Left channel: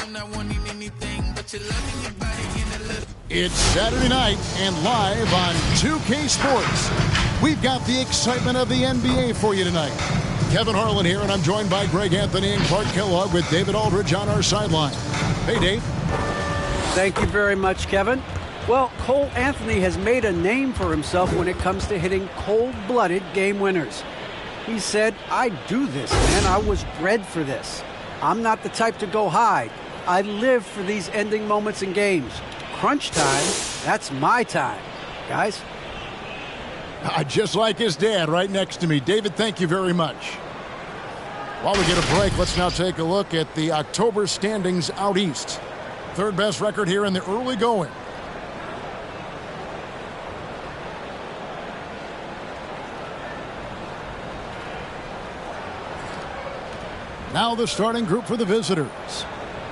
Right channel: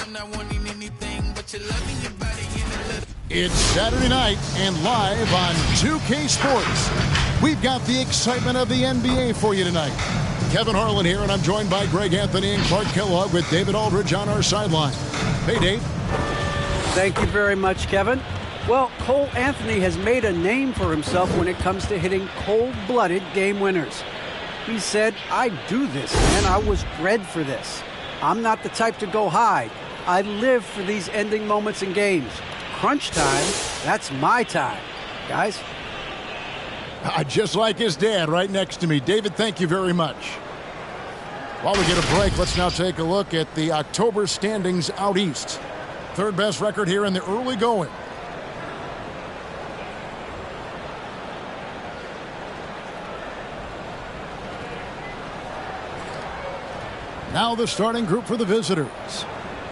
I'm not wanting anything but your love and your body in a little. It's Saturday night and live on 2K Sports. We've got the excitement of the NBA for you tonight. Kevin Harlan here, and I'm joined by Greg Anthony and Clark Kellogg with David Aldridge on our sideline. Hey, Dave. Thank you very much, Kevin. Well, Cole Anthony has made a name for himself when it comes to hitting cold-blooded game winners. He said, I do this, man. I was bred for this. I'm not the type to go hide. I live for these ending moments in games. Crunch time, that's my time. Guys? Just like his dad right next to me. David, thank you very much. While we get a break, let's now take a look at the October standings out east. Third best record here in the early going. Now the starting group for the visitors.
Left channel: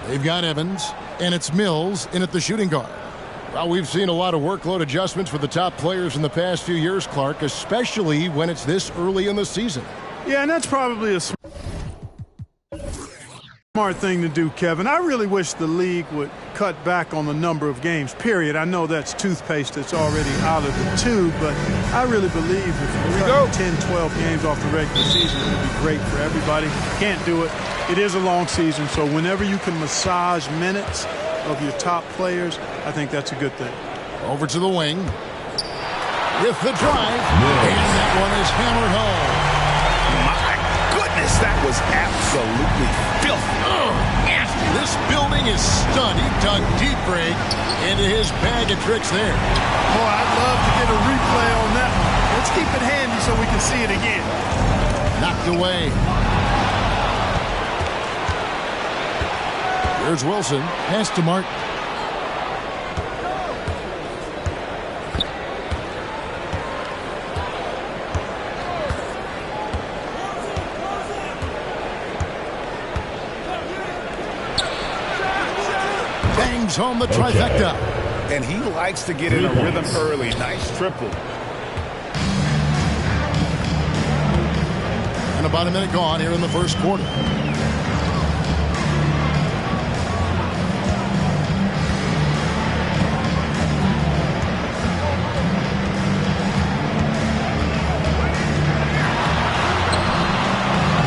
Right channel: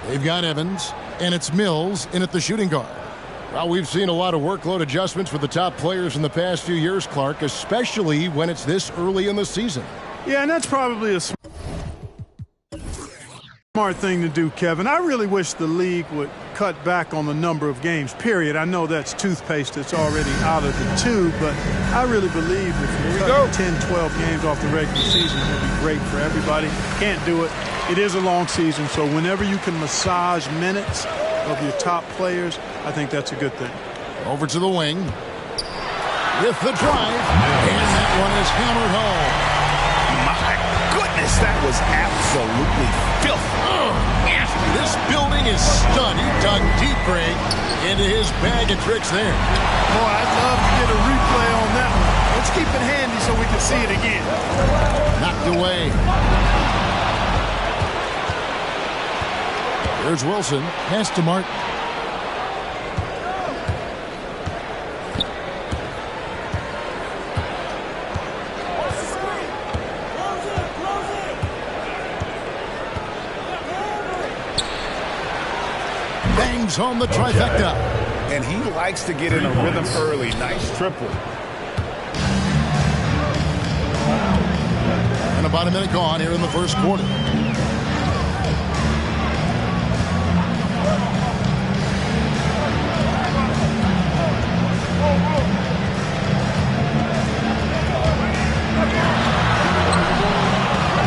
They've got Evans, and it's Mills in at the shooting guard. Well, we've seen a lot of workload adjustments for the top players in the past few years, Clark, especially when it's this early in the season. Yeah, and that's probably a smart thing to do, Kevin. I really wish the league would cut back on the number of games, period. I know that's toothpaste that's already out of the tube, but I really believe if you cut 10, 12 games off the regular season, it would be great for everybody. Can't do it. It is a long season, so whenever you can massage minutes of your top players, I think that's a good thing. Over to the wing with the drive, and that one is hammered home. My goodness, that was absolutely filthy. Nasty. This building is stunned. He dug deep, Greg, into his bag of tricks there. Boy, I'd love to get a replay on that one. Let's keep it handy so we can see it again. Knocked away. Here's Wilson. Pass to Martin. Bangs home the trifecta. And he likes to get in a rhythm early. Nice triple. And about a minute gone here in the first quarter.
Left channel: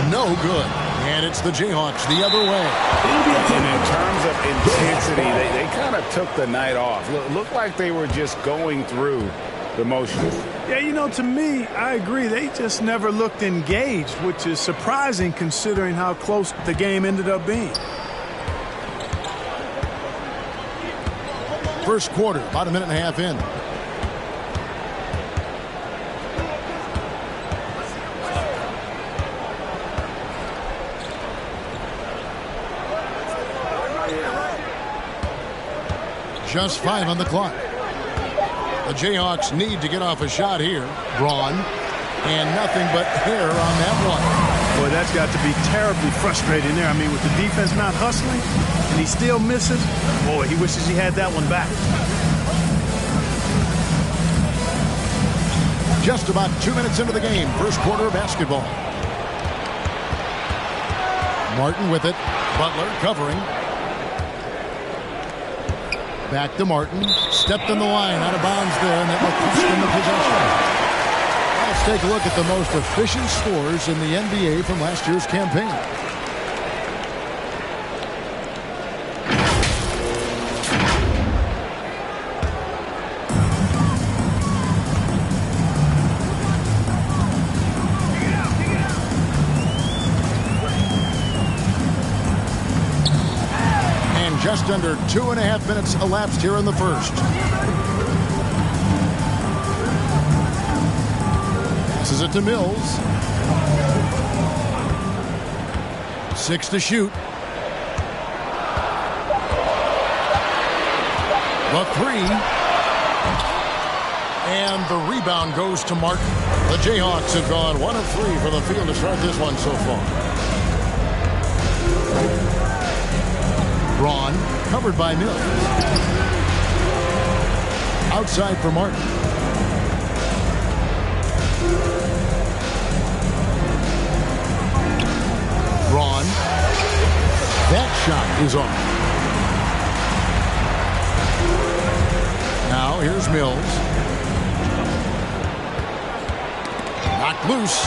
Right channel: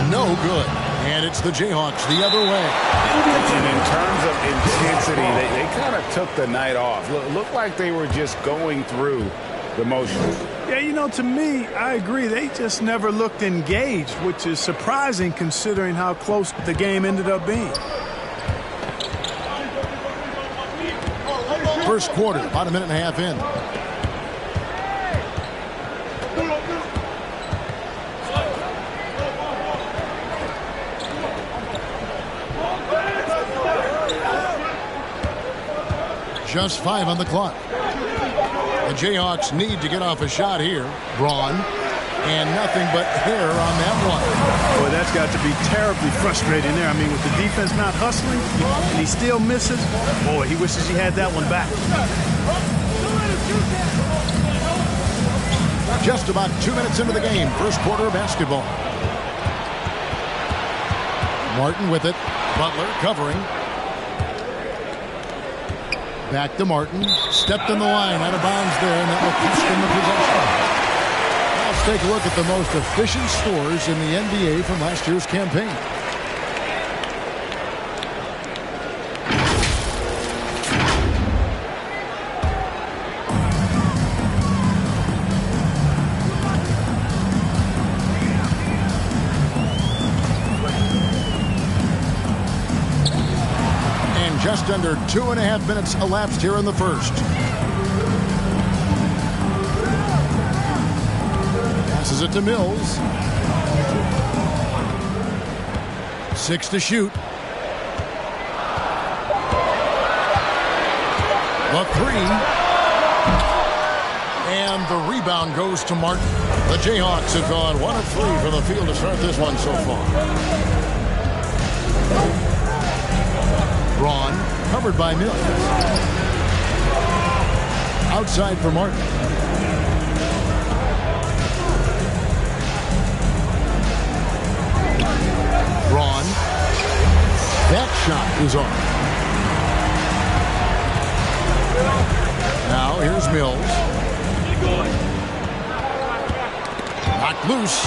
No good. And it's the Jayhawks the other way. And in terms of intensity, they kind of took the night off. Looked like they were just going through the motions. Yeah, you know, to me, I agree. They just never looked engaged, which is surprising considering how close the game ended up being. First quarter, about a minute and a half in. Just 5 on the clock. The Jayhawks need to get off a shot here. Braun, and nothing but hair on that one. Boy, that's got to be terribly frustrating there. I mean, with the defense not hustling, and he still misses, boy, he wishes he had that one back. Just about 2 minutes into the game, first quarter of basketball. Martin with it. Butler covering. Back to Martin. Stepped in the line, out of bounds there, and that will cost him the possession. Now let's take a look at the most efficient scores in the NBA from last year's campaign. Just under 2.5 minutes elapsed here in the first. Passes it to Mills. 6 to shoot. The 3. And the rebound goes to Martin. The Jayhawks have gone 1 of 3 from the field to start this one so far. Braun, covered by Mills. Outside for Martin. Braun. That shot is off. Now here's Mills. Knocked loose.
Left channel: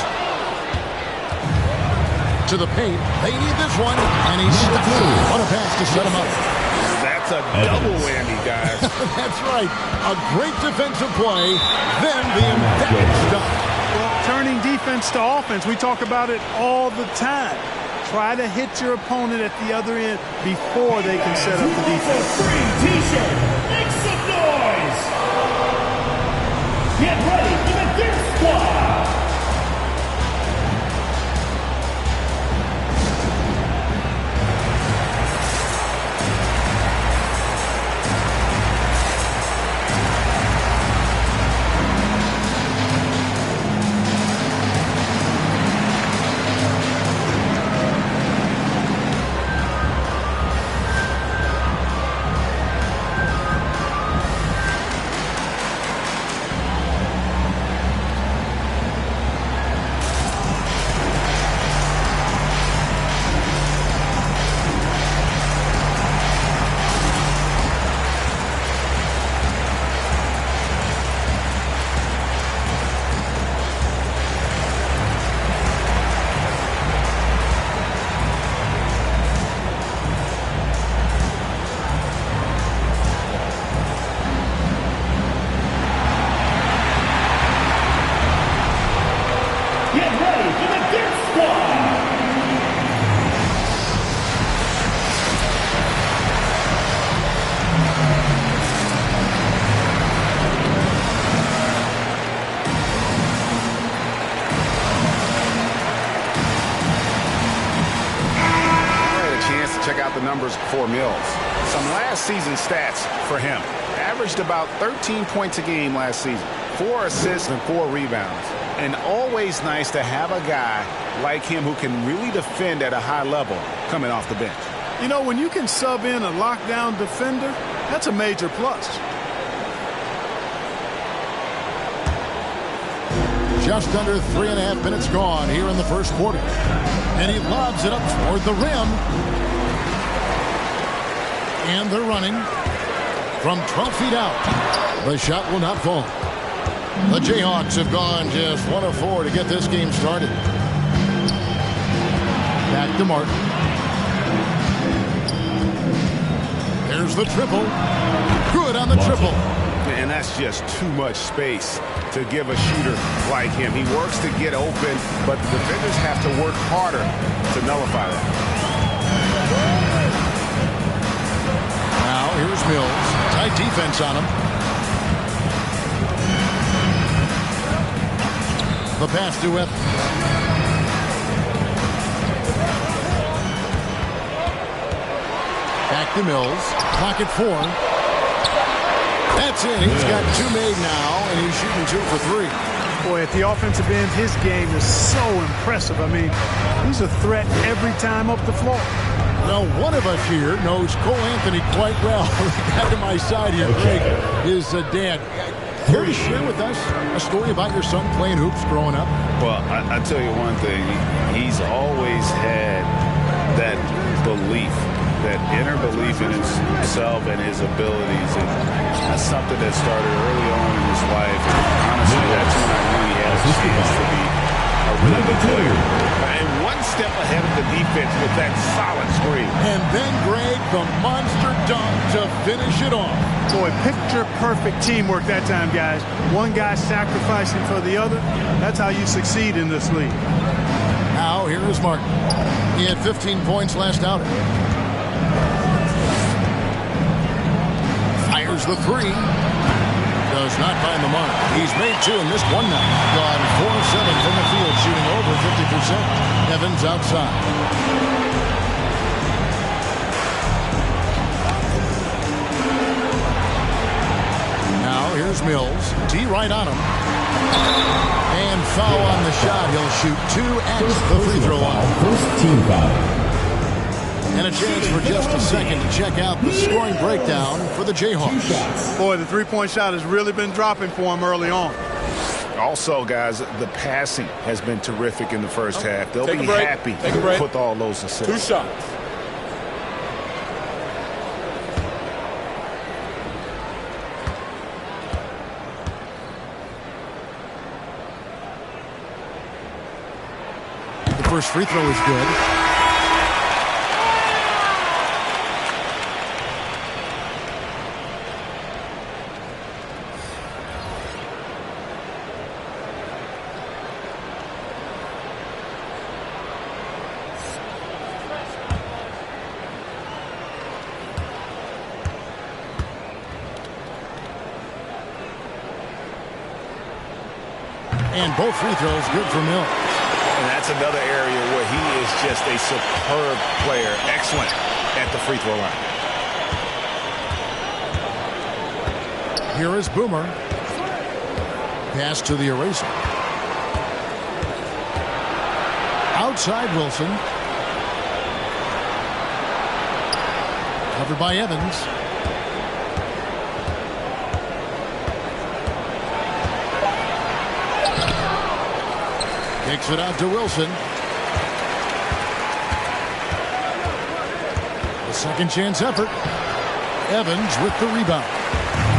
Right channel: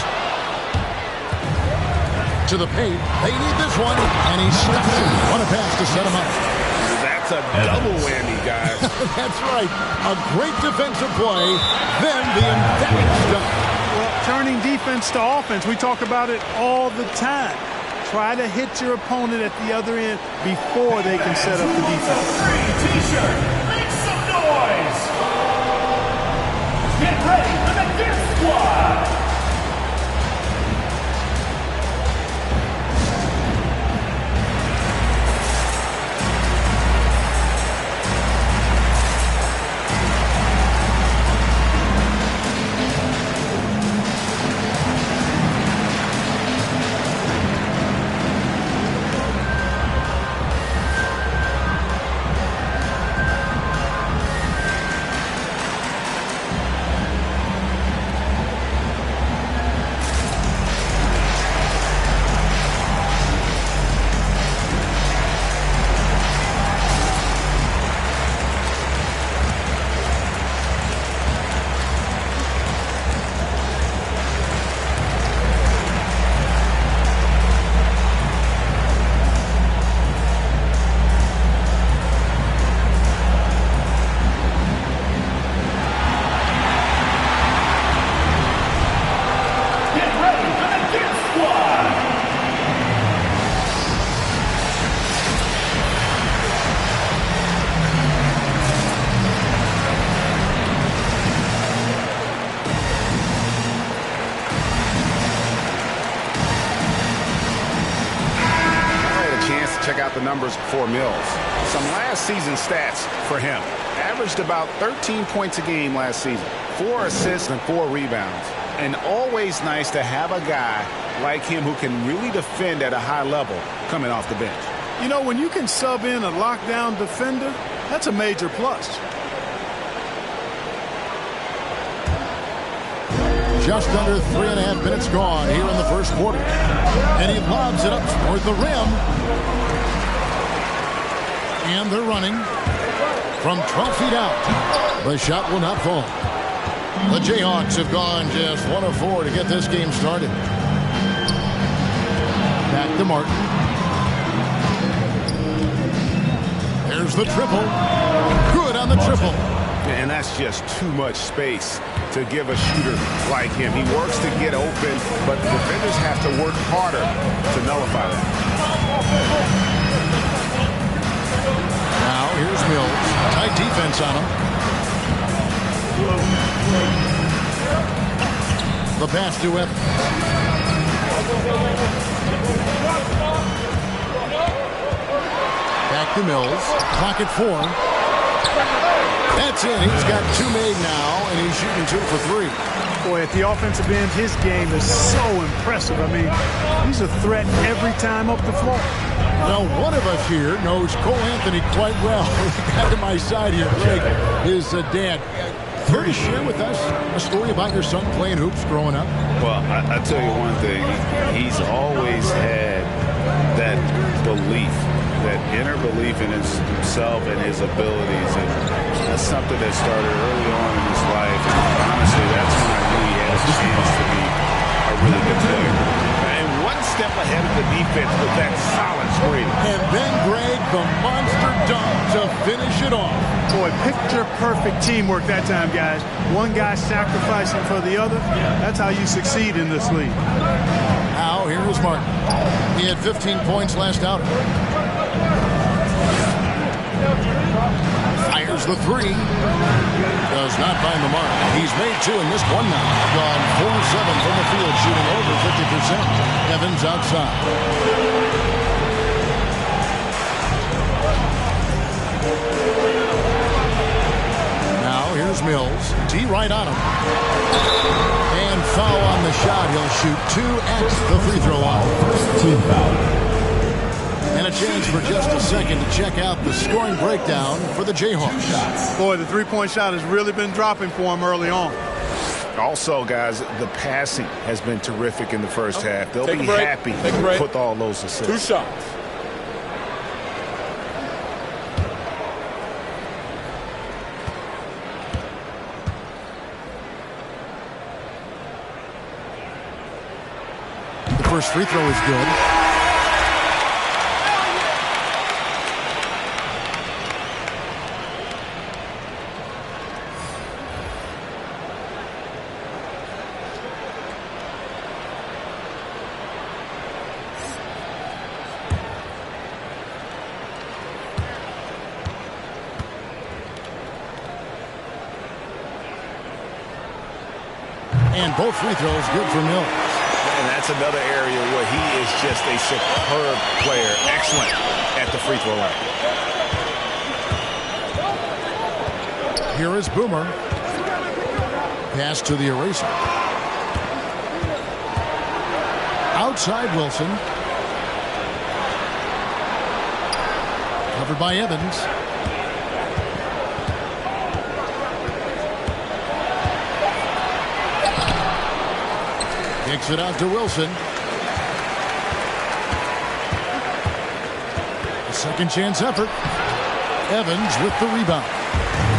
To the paint. They need this one. And he stuffs it. What a pass to set him up. That's a double whammy, guys. That's right. A great defensive play. Then the emphatic stuff. Well, turning defense to offense, we talk about it all the time. Try to hit your opponent at the other end before they can set up the defense. Free T-shirt. Make some noise. Get ready for the Dirt Squad. Chance to check out the numbers for Mills. Some last season stats for him. Averaged about 13 points a game last season. 4 assists and 4 rebounds. And always nice to have a guy like him who can really defend at a high level coming off the bench. You know, when you can sub in a lockdown defender, that's a major plus. Just under 3.5 minutes gone here in the first quarter. And he lobs it up toward the rim. And they're running from 12 feet out. The shot will not fall. The Jayhawks have gone just 1 of 4 to get this game started. Back to Martin. There's the triple. Good on the triple. And that's just too much space to give a shooter like him. He works to get open, but the defenders have to work harder to nullify that. Now here's Mills. Tight defense on him. The pass to Evans. Back to Mills. Clock at 4. That's it. He's got 2 made now, and he's shooting 2 for 3. Boy, at the offensive end, his game is so impressive. I mean, he's a threat every time up the floor. Well, one of us here knows Cole Anthony quite well. The guy to my side here, Greg, his dad. Care to share with us a story about your son playing hoops growing up? Well, I tell you one thing. He's always had that belief, that inner belief in himself and his abilities. And that's something that started early on in his life. And honestly, that's when I knew he had a chance to be a really good player. And one step ahead of the defense with that solid screen. And then, Greg, the monster dunk to finish it off. Boy, picture-perfect teamwork that time, guys. One guy sacrificing for the other. That's how you succeed in this league. Now, here is Martin. He had 15 points last outing. Fires the 3. Does not find the mark. He's made 2 and missed 1 now. Gone 4-7 from the field, shooting over 50%. Evans outside. Now here's Mills. D right on him. And foul on the shot. He'll shoot 2 at the free throw line. First team foul. And a chance for just a second to check out the scoring breakdown for the Jayhawks. Boy, the three-point shot has really been dropping for him early on. Also, guys, the passing has been terrific in the first half. They'll be happy with all those assists. 2 shots. first free throw is good. And both free throws good for Mills. And that's another area where he is just a superb player. Excellent at the free throw line. Here is Boomer. Pass to the eraser. Outside Wilson. Covered by Evans. Kicks it out to Wilson. A second chance effort. Evans with the rebound.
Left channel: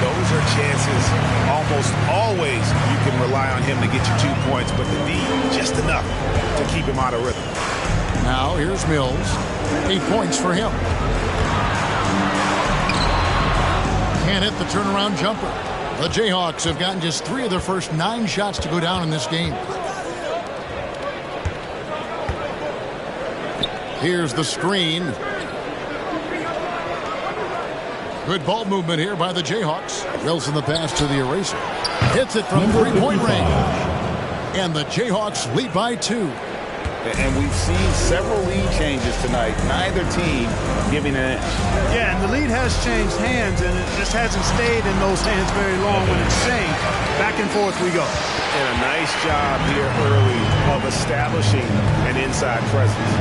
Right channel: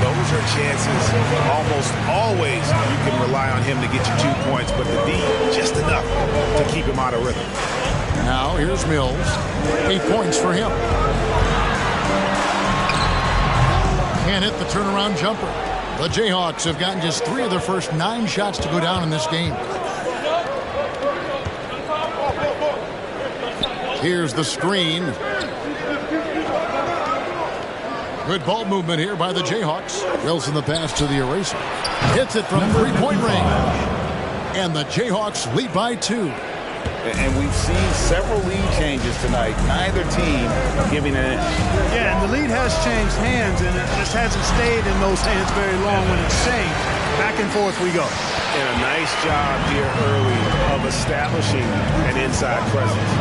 Those are chances almost always you can rely on him to get you 2 points, but the D just enough to keep him out of rhythm. Now here's Mills. 8 points for him. Can't hit the turnaround jumper. The Jayhawks have gotten just 3 of their first 9 shots to go down in this game. Here's the screen. Good ball movement here by the Jayhawks. Wilson the pass to the eraser. Hits it from three-point range. And the Jayhawks lead by 2. And we've seen several lead changes tonight. Neither team giving an inch. Yeah, and the lead has changed hands, and it just hasn't stayed in those hands very long when it's changed. Back and forth we go. And a nice job here early of establishing an inside presence.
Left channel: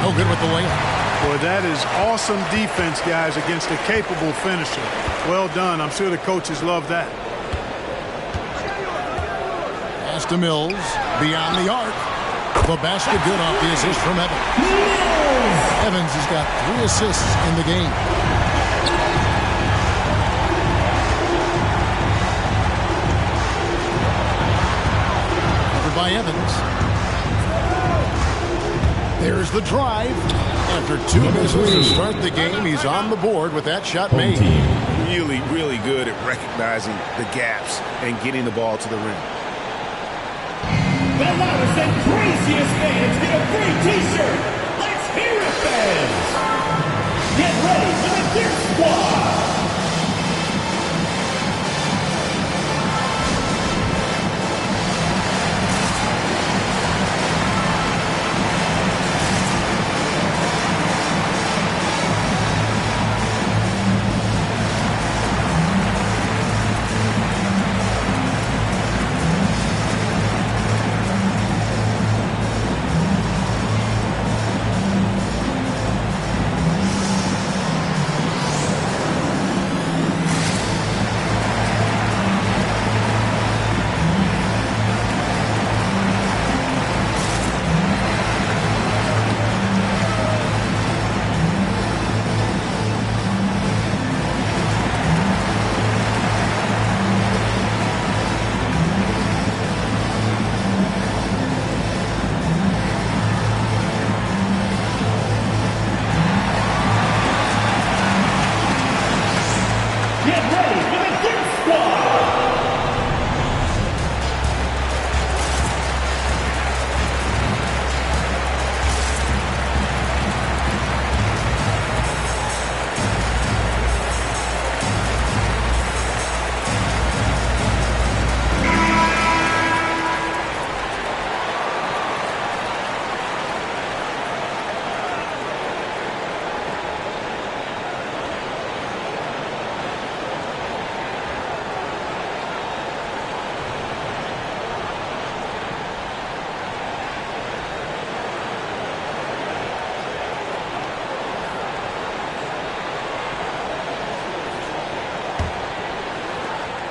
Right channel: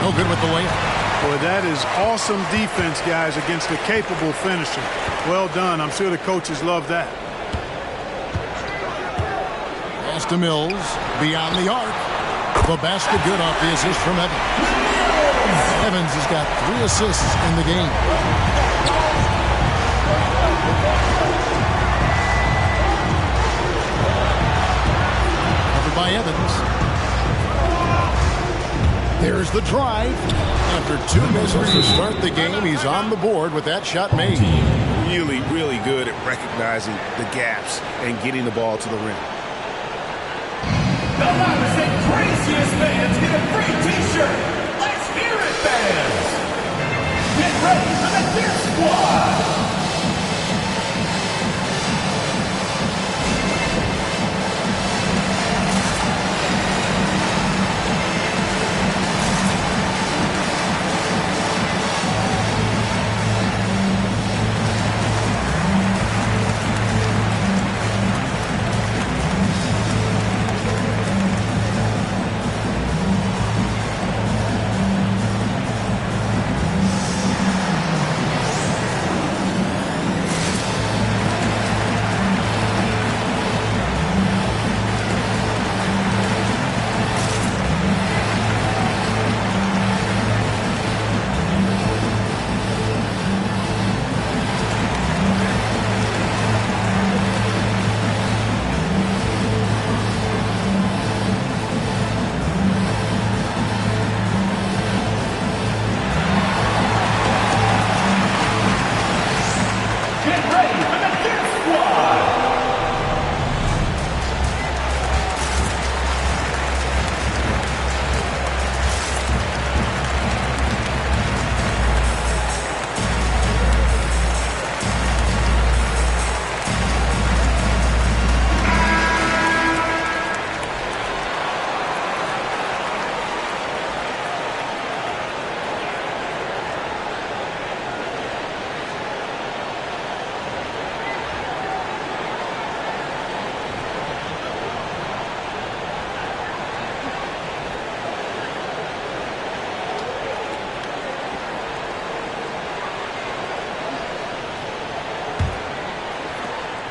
No good with the layup. Boy, that is awesome defense, guys, against a capable finisher. Well done. I'm sure the coaches love that. Pass to Mills. Beyond the arc. The basket good off the assist from Evans. Evans has got 3 assists in the game. Covered by Evans. There's the drive. After 2 misses to start the game, he's on the board with that shot made. Really, really good at recognizing the gaps and getting the ball to the rim. The loudest and craziest fans get a free T-shirt. Let's hear it, fans. Get ready for the Gear Squad.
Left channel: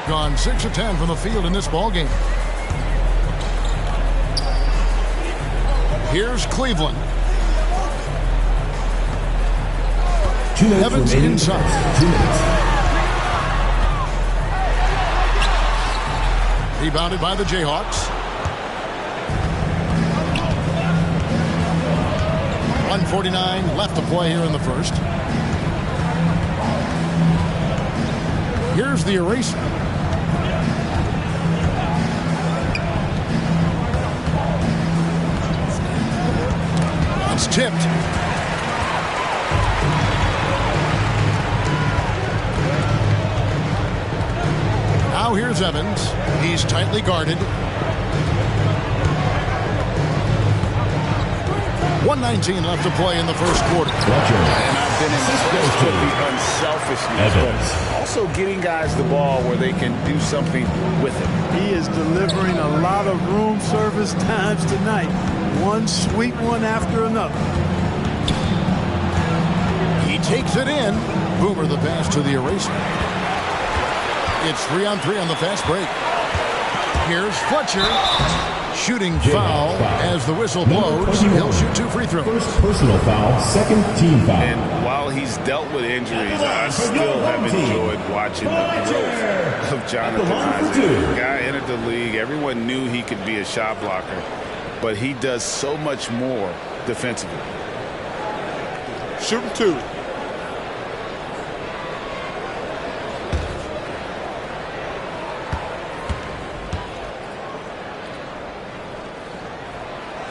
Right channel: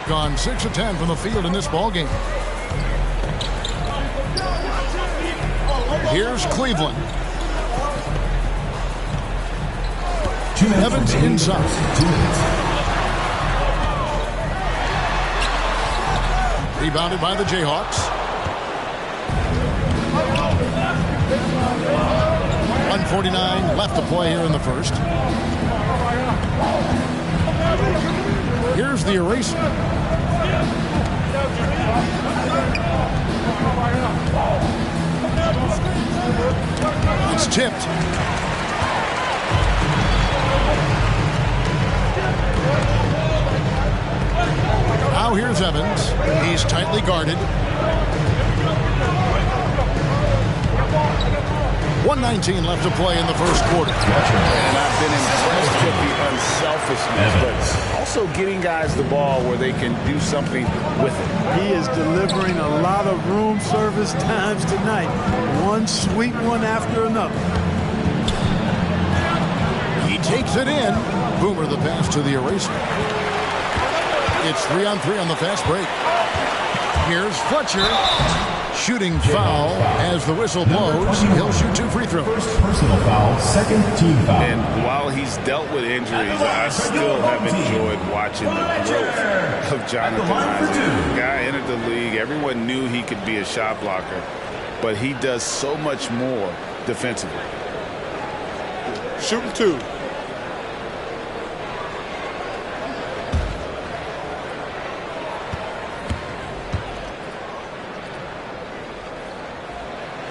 Gone 6 of 10 from the field in this ball game. Here's Cleveland. Evans inside. Rebounded by the Jayhawks. 1:49 left to play here in the first. Here's the eraser. It's tipped. Now here's Evans. He's tightly guarded. 1:19 left to play in the first quarter. And I've been impressed with the unselfishness, but also getting guys the ball where they can do something with it. He is delivering a lot of room service times tonight. One sweet one after another. He takes it in. Boomer the pass to the eraser. It's 3-on-3 on the fast break. Here's Fletcher. Shooting foul as the whistle blows. He'll shoot 2 free throws. First personal foul, second team foul. And while he's dealt with injuries, I still have enjoyed watching the growth of Jonathan Isaac. The guy entered the league. Everyone knew he could be a shot blocker, but he does so much more defensively. Shooting 2.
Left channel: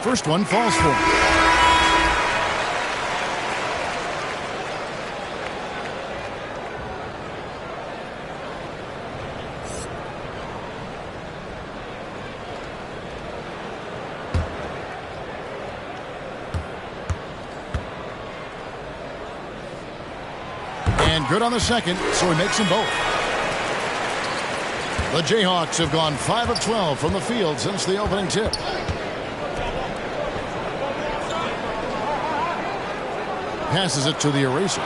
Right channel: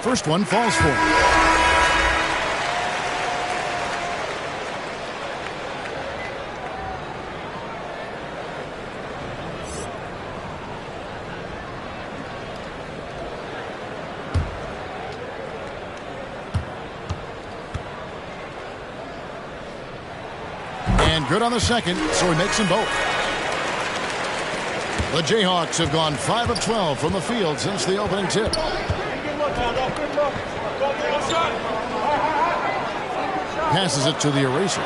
First one falls for him. And good on the second, so he makes them both. The Jayhawks have gone 5 of 12 from the field since the opening tip. Passes it to the eraser.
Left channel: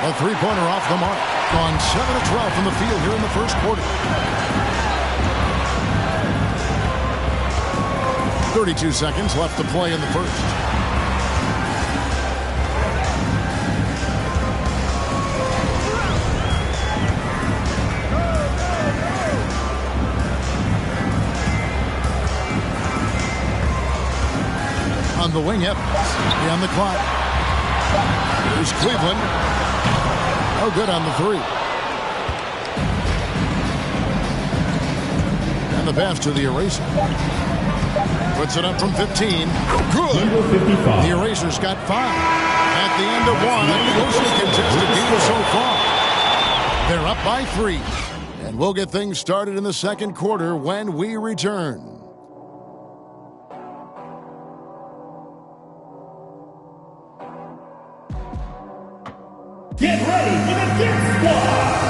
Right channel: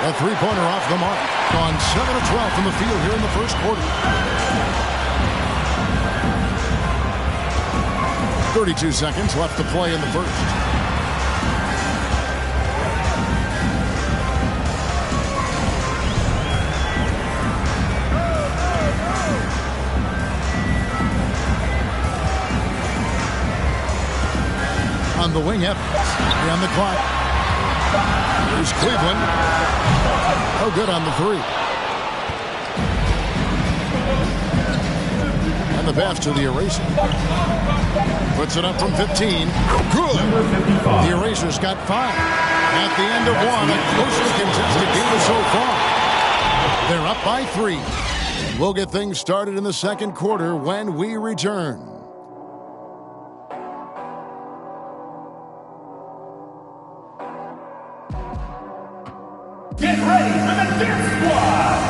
A three-pointer off the mark. Gone 7 of 12 from the field here in the first quarter. 32 seconds left to play in the first. On the wing, Evans. On the clock. Here's Cleveland. No good on the 3. And the pass to the eraser. Puts it up from 15. Good. Number 55. The eraser's got 5. At the end of 1, a closely contested game so far. They're up by 3. And we'll get things started in the second quarter when we return. Get ready for the Dirt Squad!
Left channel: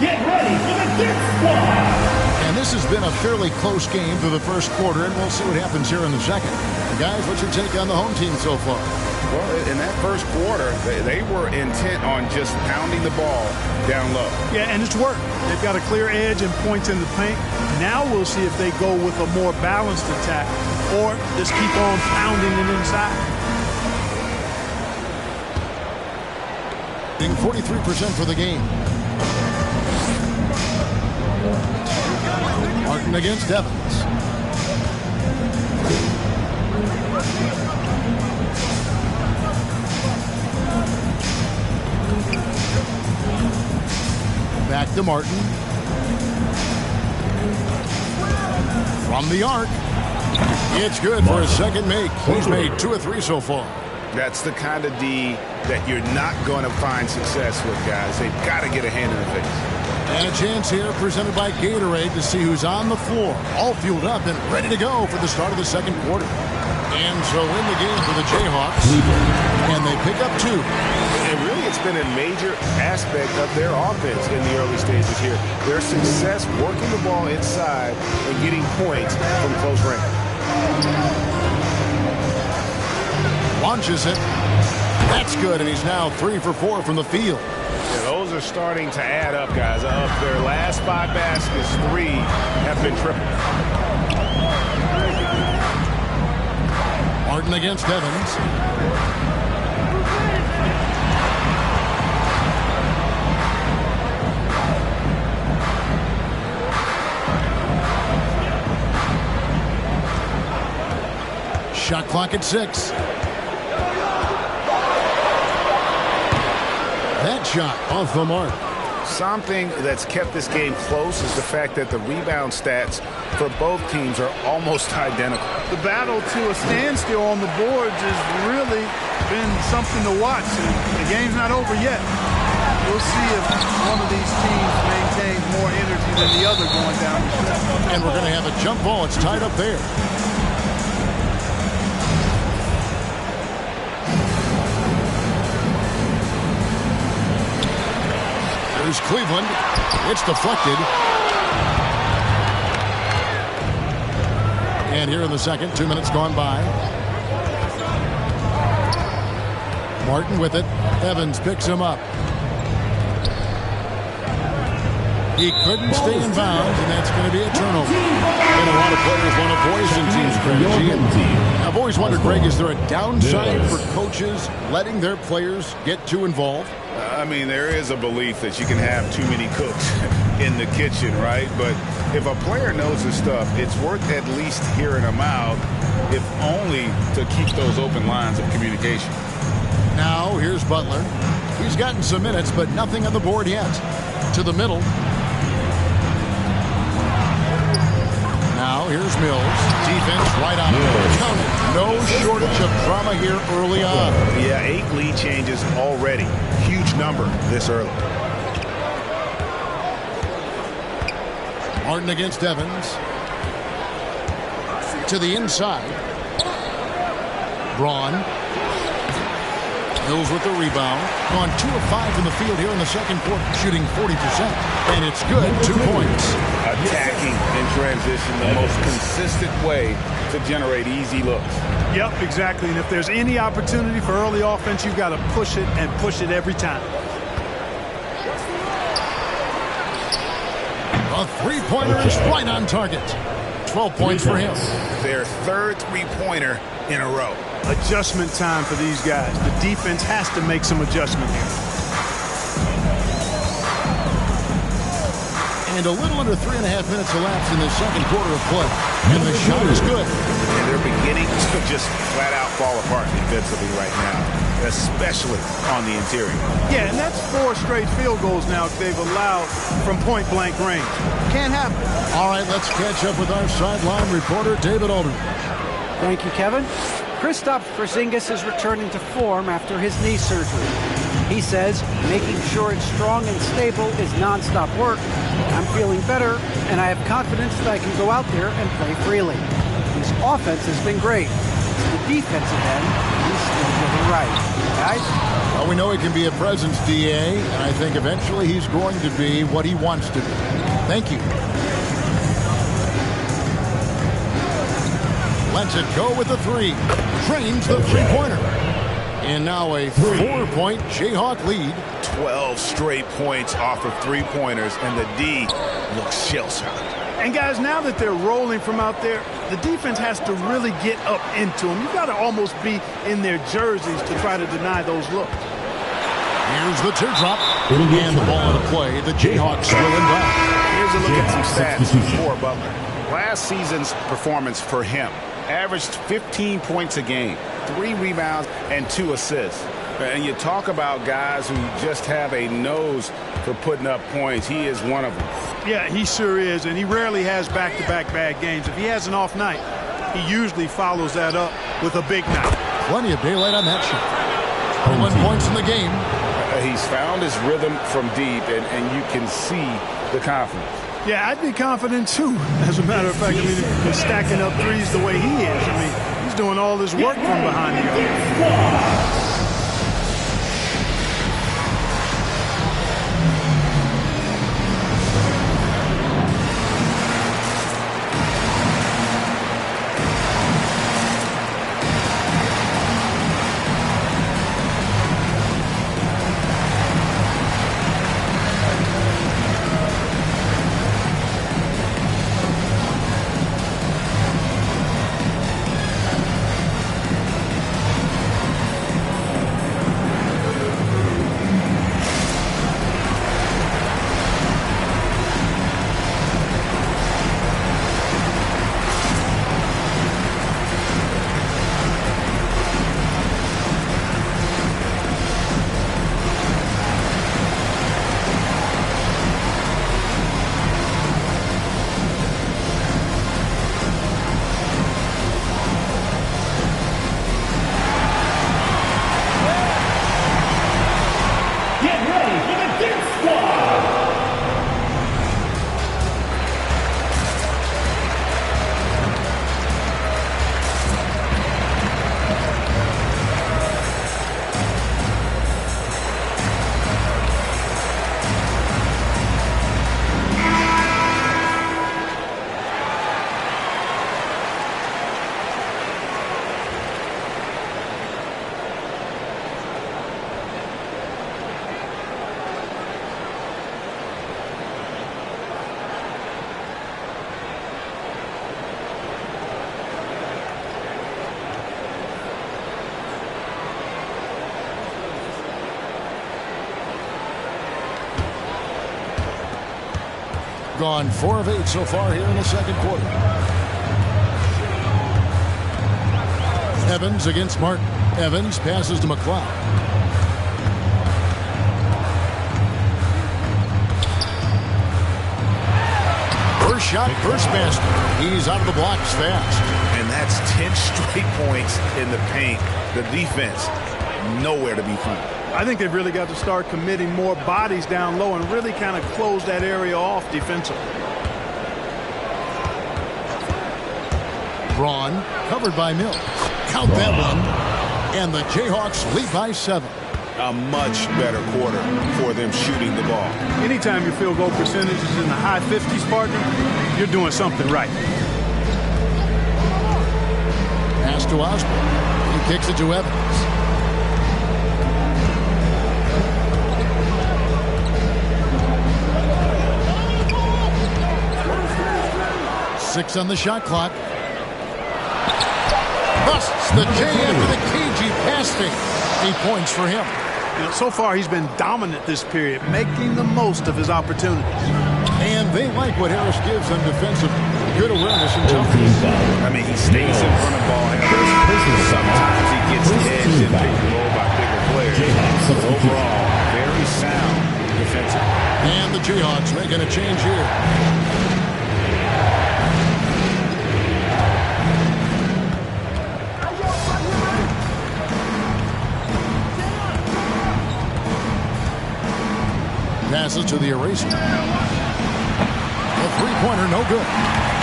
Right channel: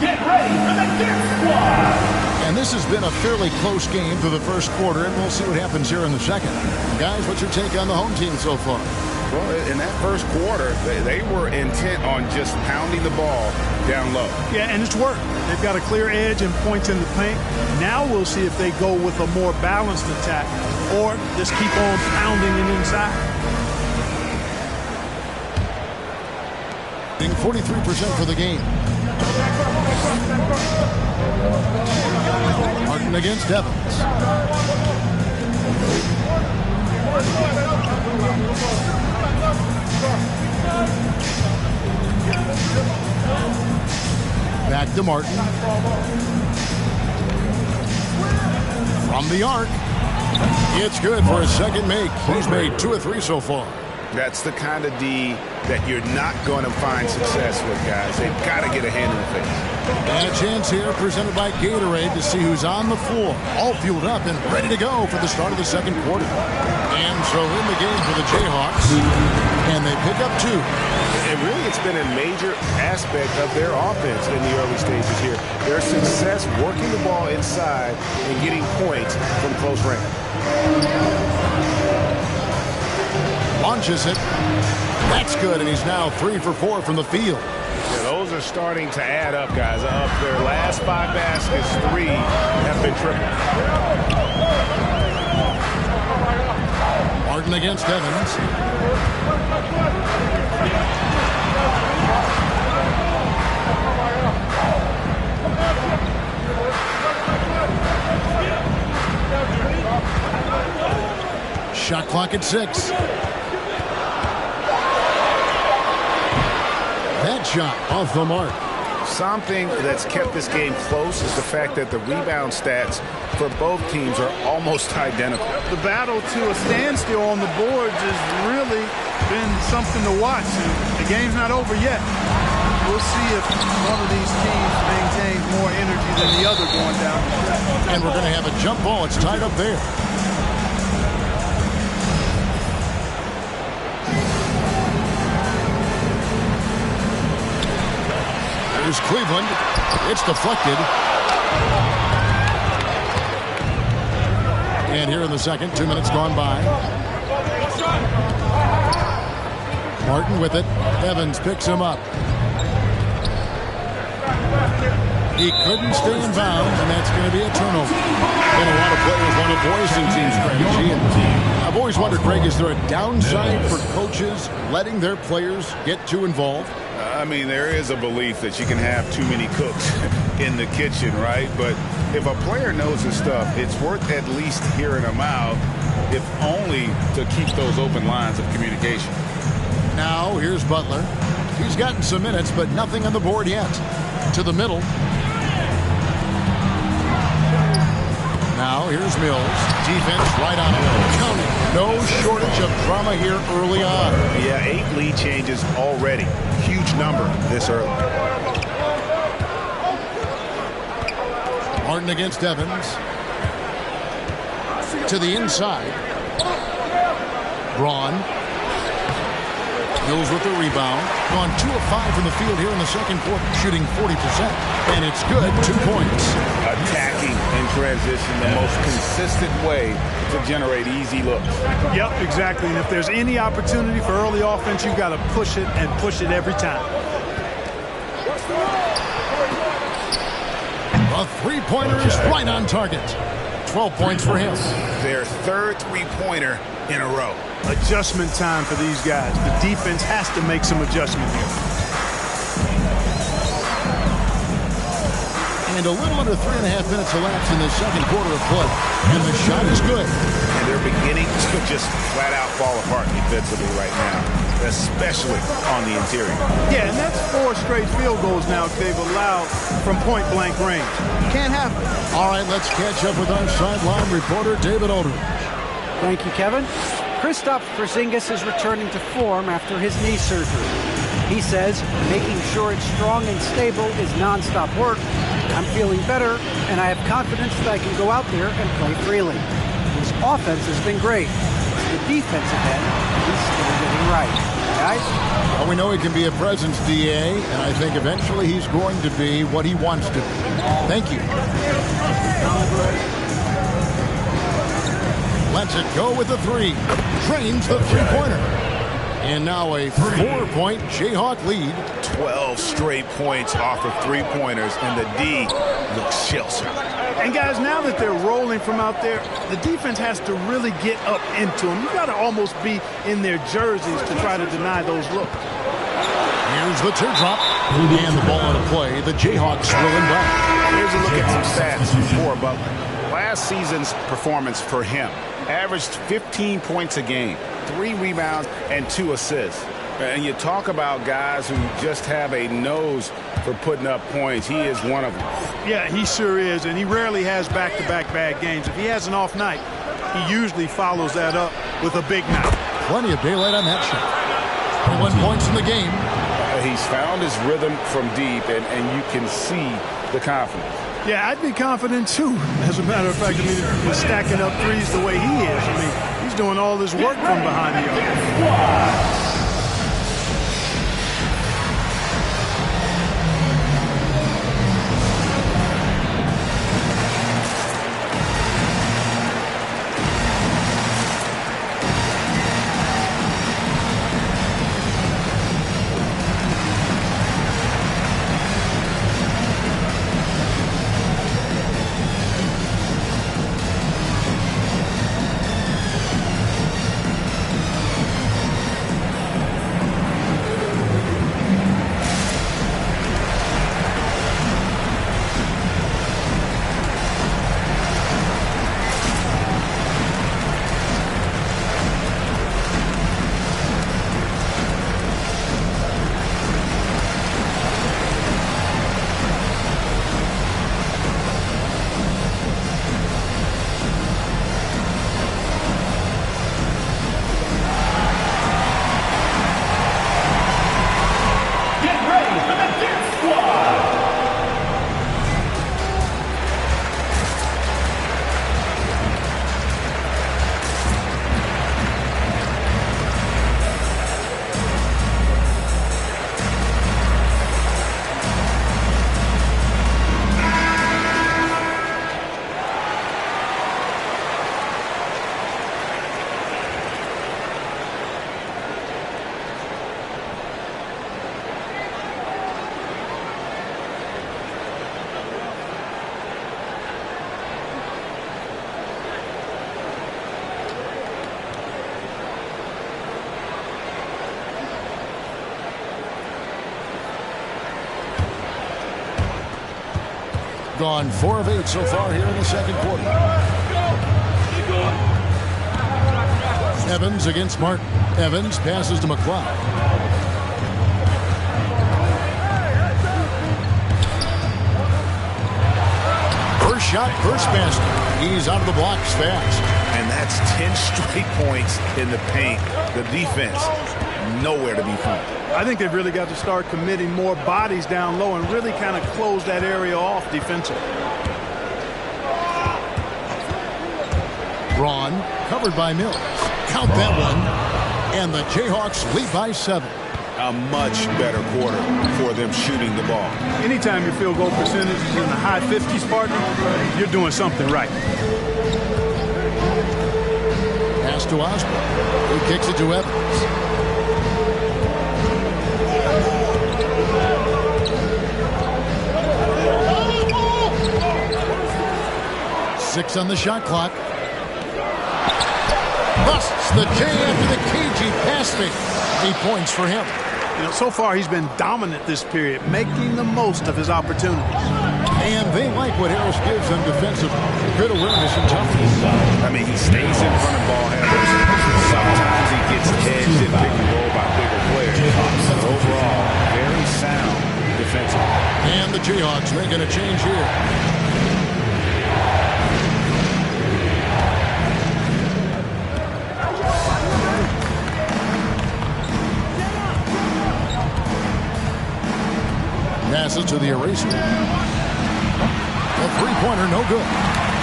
Get ready for the Dirt Squad! And this has been a fairly close game through the first quarter, and we'll see what happens here in the second. Guys, what's your take on the home team so far? Well, in that first quarter, they were intent on just pounding the ball down low. Yeah, and it's worked. They've got a clear edge and points in the paint. Now we'll see if they go with a more balanced attack or just keep on pounding it inside. 43% for the game. Martin against Evans. Back to Martin. From the arc. It's good for his second make. He's made 2 of 3 so far. That's the kind of D that you're not going to find success with, guys. They've got to get a hand in the face. And a chance here presented by Gatorade to see who's on the floor. All fueled up and ready to go for the start of the second quarter. And so in the game for the Jayhawks. And they pick up 2. And really, it's been a major aspect of their offense in the early stages here. Their success working the ball inside and getting points from close range. Launches it. That's good, and he's now 3 for 4 from the field. Yeah, those are starting to add up, guys. Of their last 5 baskets, 3 have been triple. Martin against Evans. Shot clock at 6. That shot off the mark. Something that's kept this game close is the fact that the rebound stats for both teams are almost identical. The battle to a standstill on the boards has really been something to watch. And the game's not over yet. We'll see if one of these teams maintains more energy than the other going down the stretch. And we're going to have a jump ball. It's tied up there. There's Cleveland. It's deflected. And here in the second, 2 minutes gone by. Martin with it. Evans picks him up. He couldn't stay in bounds, and that's going to be a turnover. And a lot of players want a voice in team strategy. And I've always wondered, Greg, is there a downside for coaches letting their players get too involved? I mean, there is a belief that you can have too many cooks in the kitchen, right? But if a player knows his stuff, it's worth at least hearing him out, if only to keep those open lines of communication. Now, here's Butler. He's gotten some minutes, but nothing on the board yet. To the middle. Now, here's Mills. Defense right on him. Count it. No shortage of drama here early on. Yeah, 8 lead changes already. Huge number this early. Martin against Evans. To the inside. Braun. Mills with the rebound. Gone 2 of 5 from the field here in the second quarter, shooting 40%. And it's good, 2 points. Attacking in transition, the most consistent way to generate easy looks. Yep, exactly. And if there's any opportunity for early offense, you've got to push it and push it every time. A three-pointer is right on target. 12 points for him. Their third three-pointer in a row. Adjustment time for these guys. The defense has to make some adjustment here. And a little under 3.5 minutes elapsed in the second quarter of play. And the shot is good. And they're beginning to just flat out fall apart defensively right now, especially on the interior. Yeah, and that's 4 straight field goals now they've allowed from point-blank range. Can't happen. All right, let's catch up with our sideline reporter, David Aldridge. Thank you, Kevin. Kristaps Porzingis is returning to form after his knee surgery. He says making sure it's strong and stable is nonstop work. I'm feeling better, and I have confidence that I can go out there and play freely. His offense has been great. It's the defensive end he's still getting right. Guys? Well, we know he can be a presence, DA, and I think eventually he's going to be what he wants to be. Thank you. Lets it go with the 3. Trains the three-pointer. And now a 4-point Jayhawk lead. 12 straight points off of three-pointers, and the D looks shell-shocked. And guys, now that they're rolling from out there, the defense has to really get up into them. You've got to almost be in their jerseys to try to deny those looks. Here's the teardrop. And the ball out of play. The Jayhawks will inbound. Here's a look at some stats for Butler. Last season's performance for him averaged 15 points a game, 3 rebounds, and 2 assists. And you talk about guys who just have a nose for putting up points. He is one of them. Yeah, he sure is, and he rarely has back-to-back bad games. If he has an off night, he usually follows that up with a big night. Plenty of daylight on that shot. 11 points in the game. He's found his rhythm from deep, and you can see the confidence. Yeah, I'd be confident, too. As a matter of fact, I mean, if he's stacking up threes the way he is, I mean, he's doing all this work from behind the arc. gone 4 of 8 so far here in the second quarter. Evans against Martin. Evans passes to McLeod. First shot, first basket. He's out of the blocks fast. And that's 10 straight points in the paint. The defense, nowhere to be found. I think they've really got to start committing more bodies down low and really kind of close that area off defensively. Braun covered by Mills. Count that one. And the Jayhawks lead by 7. A much better quarter for them shooting the ball. Anytime your field goal percentage is in the high 50s, partner, you're doing something right. Pass to Osborne. He kicks it to Evans. Six on the shot clock. Busts the J after the cagey pass fake. 8 points for him. You know, so far he's been dominant this period, making the most of his opportunities. And they like what Harris gives them defensively. Good awareness and toughness. I mean, he stays in front of ball handlers. Sometimes he gets hedged and pick and roll by bigger players. But overall, very sound defensively. And the Jayhawks making a change here. Passes to the eraser. A three-pointer, no good.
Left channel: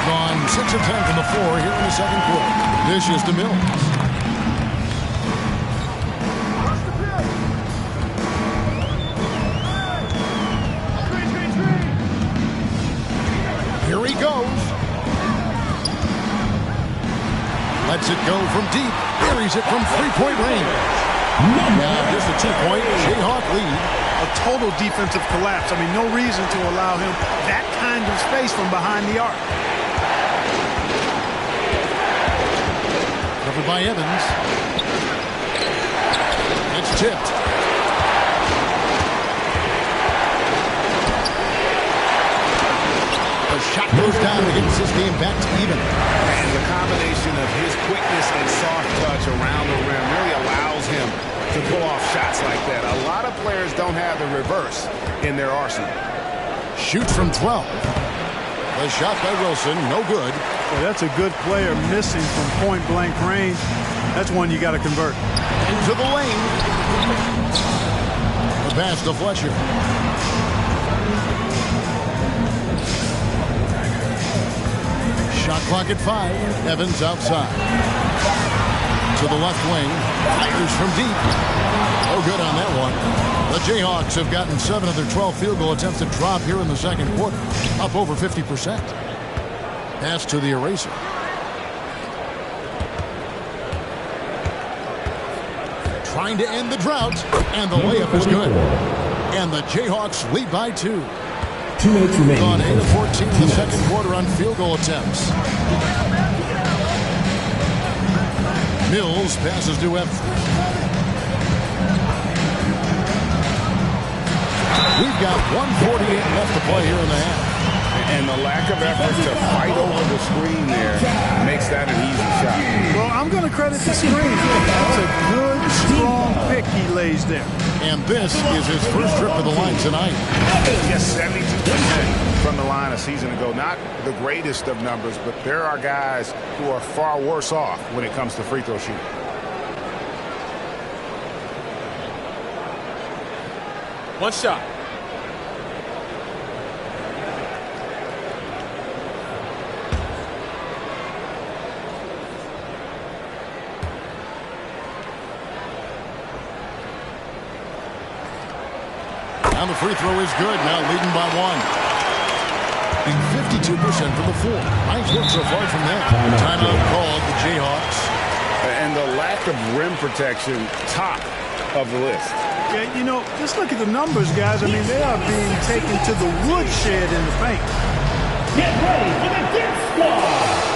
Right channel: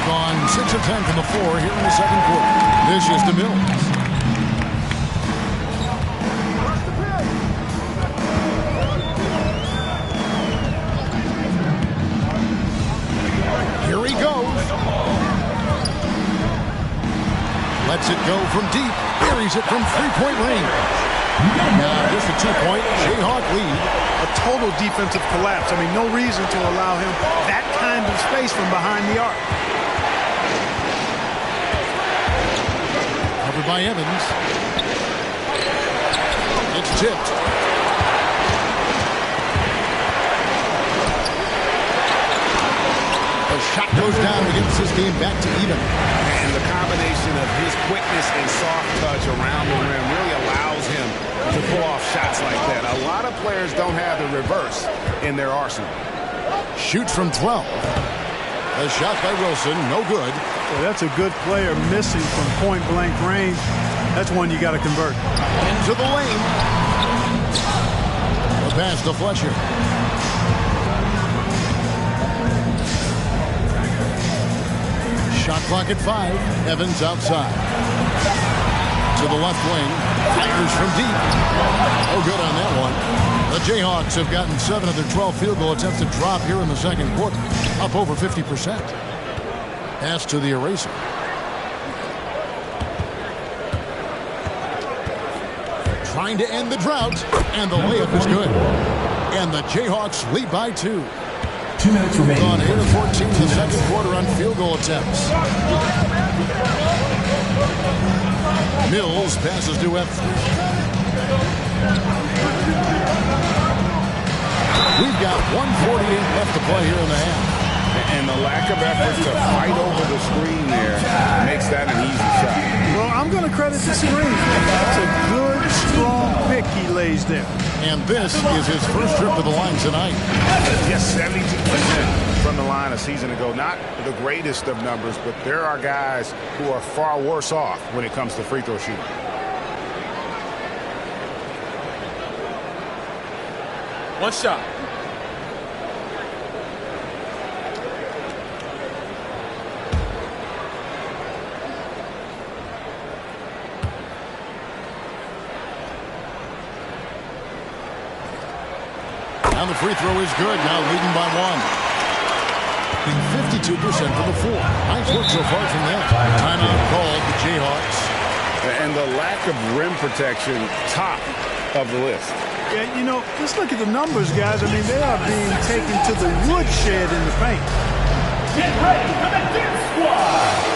Gone 6 of 10 from the floor here in the second quarter. This is to Mills. Here he goes. Lets it go from deep. Buries it from three-point range. Now just a 2-point Jayhawk lead. A total defensive collapse. I mean, no reason to allow him that kind of space from behind the arc. Covered by Evans. It's tipped. The shot goes down and gets this game back to even. And the combination of his quickness and soft touch around the rim really allows him to pull off shots like that. A lot of players don't have the reverse in their arsenal. Shoots from 12. The shot by Wilson, no good. Well, that's a good player missing from point-blank range. That's one you got to convert. Into the lane. The pass to Fletcher. Shot clock at 5. Evans outside. To the left wing. Fires from deep. Oh, good on that one. The Jayhawks have gotten 7 of their 12 field goal attempts to drop here in the second quarter. Up over 50%. Pass to the eraser. Trying to end the drought. And the layup is good. And the Jayhawks lead by 2. 2 minutes remaining. Gone 8 of 14 in the second quarter on field goal attempts. Mills passes to Evans. We've got 1:48 left to play here in the half. And the lack of effort to fight over the screen there makes that an easy shot. Well, I'm going to credit the screen. That's a good, strong pick he lays there. And this is his first trip to the line tonight. Yes, 72% from the line a season ago. Not the greatest of numbers, but there are guys who are far worse off when it comes to free throw shooting. One shot. Now the free throw is good. Now leading by 1. 52% from the floor. Nice work so far from them. Timeout called the Jayhawks. And the lack of rim protection, top of the list. Yeah, you know, just look at the numbers, guys. I mean, they are being taken to the woodshed in the paint. Get ready for the Death Squad!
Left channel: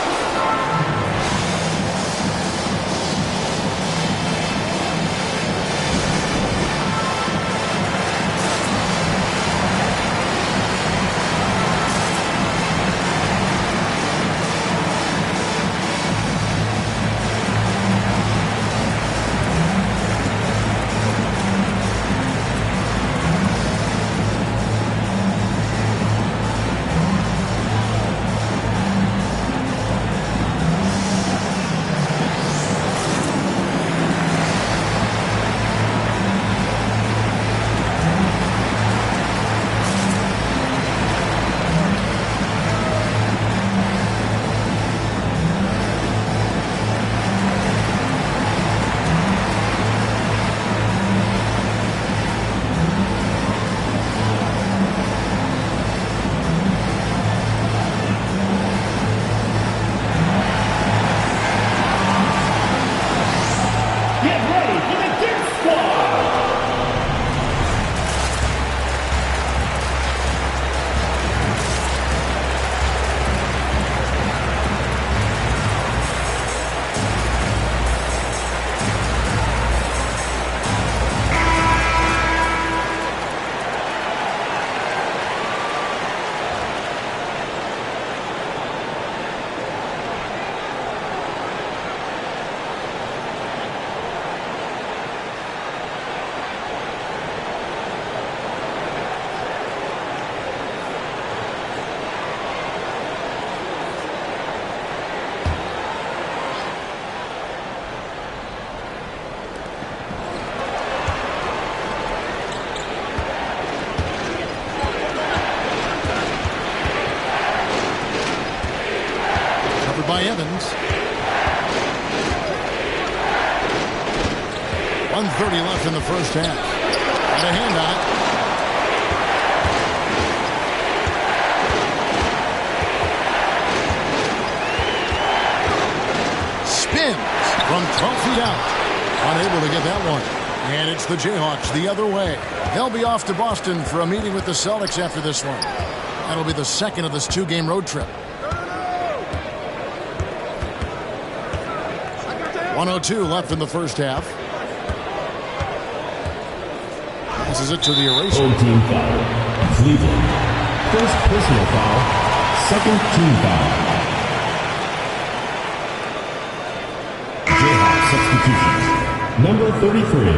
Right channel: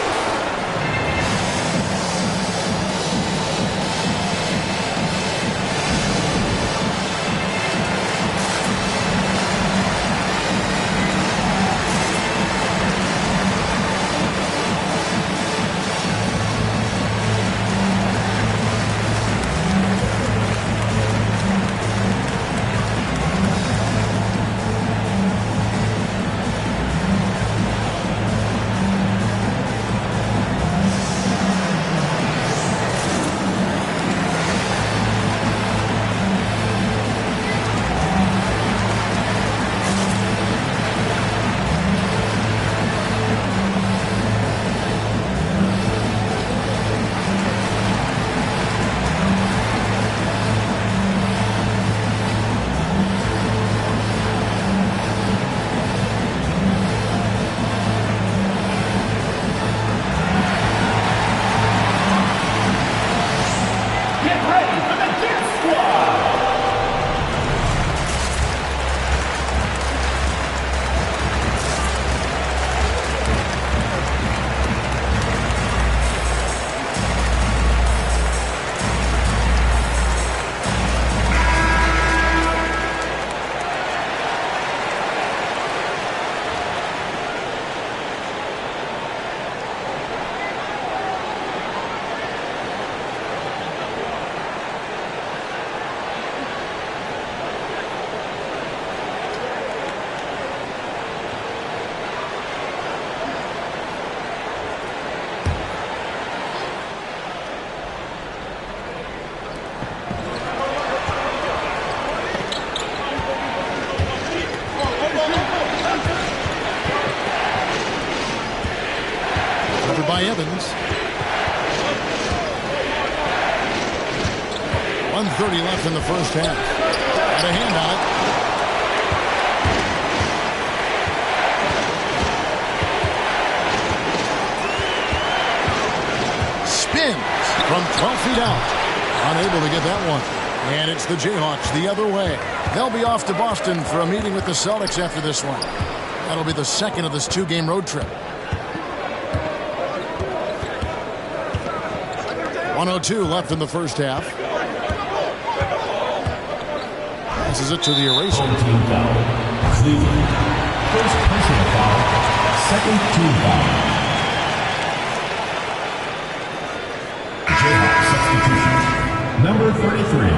by Evans. 1:30 left in the first half. Got a hand on it. Spins from 12 feet out. Unable to get that one. And it's the Jayhawks the other way. They'll be off to Boston for a meeting with the Celtics after this one. That'll be the second of this 2-game road trip. 1:02 left in the first half. Passes it to the eraser. Home team foul. Cleveland. First personal foul. Second team foul. Jayhawk substitution. Number 33.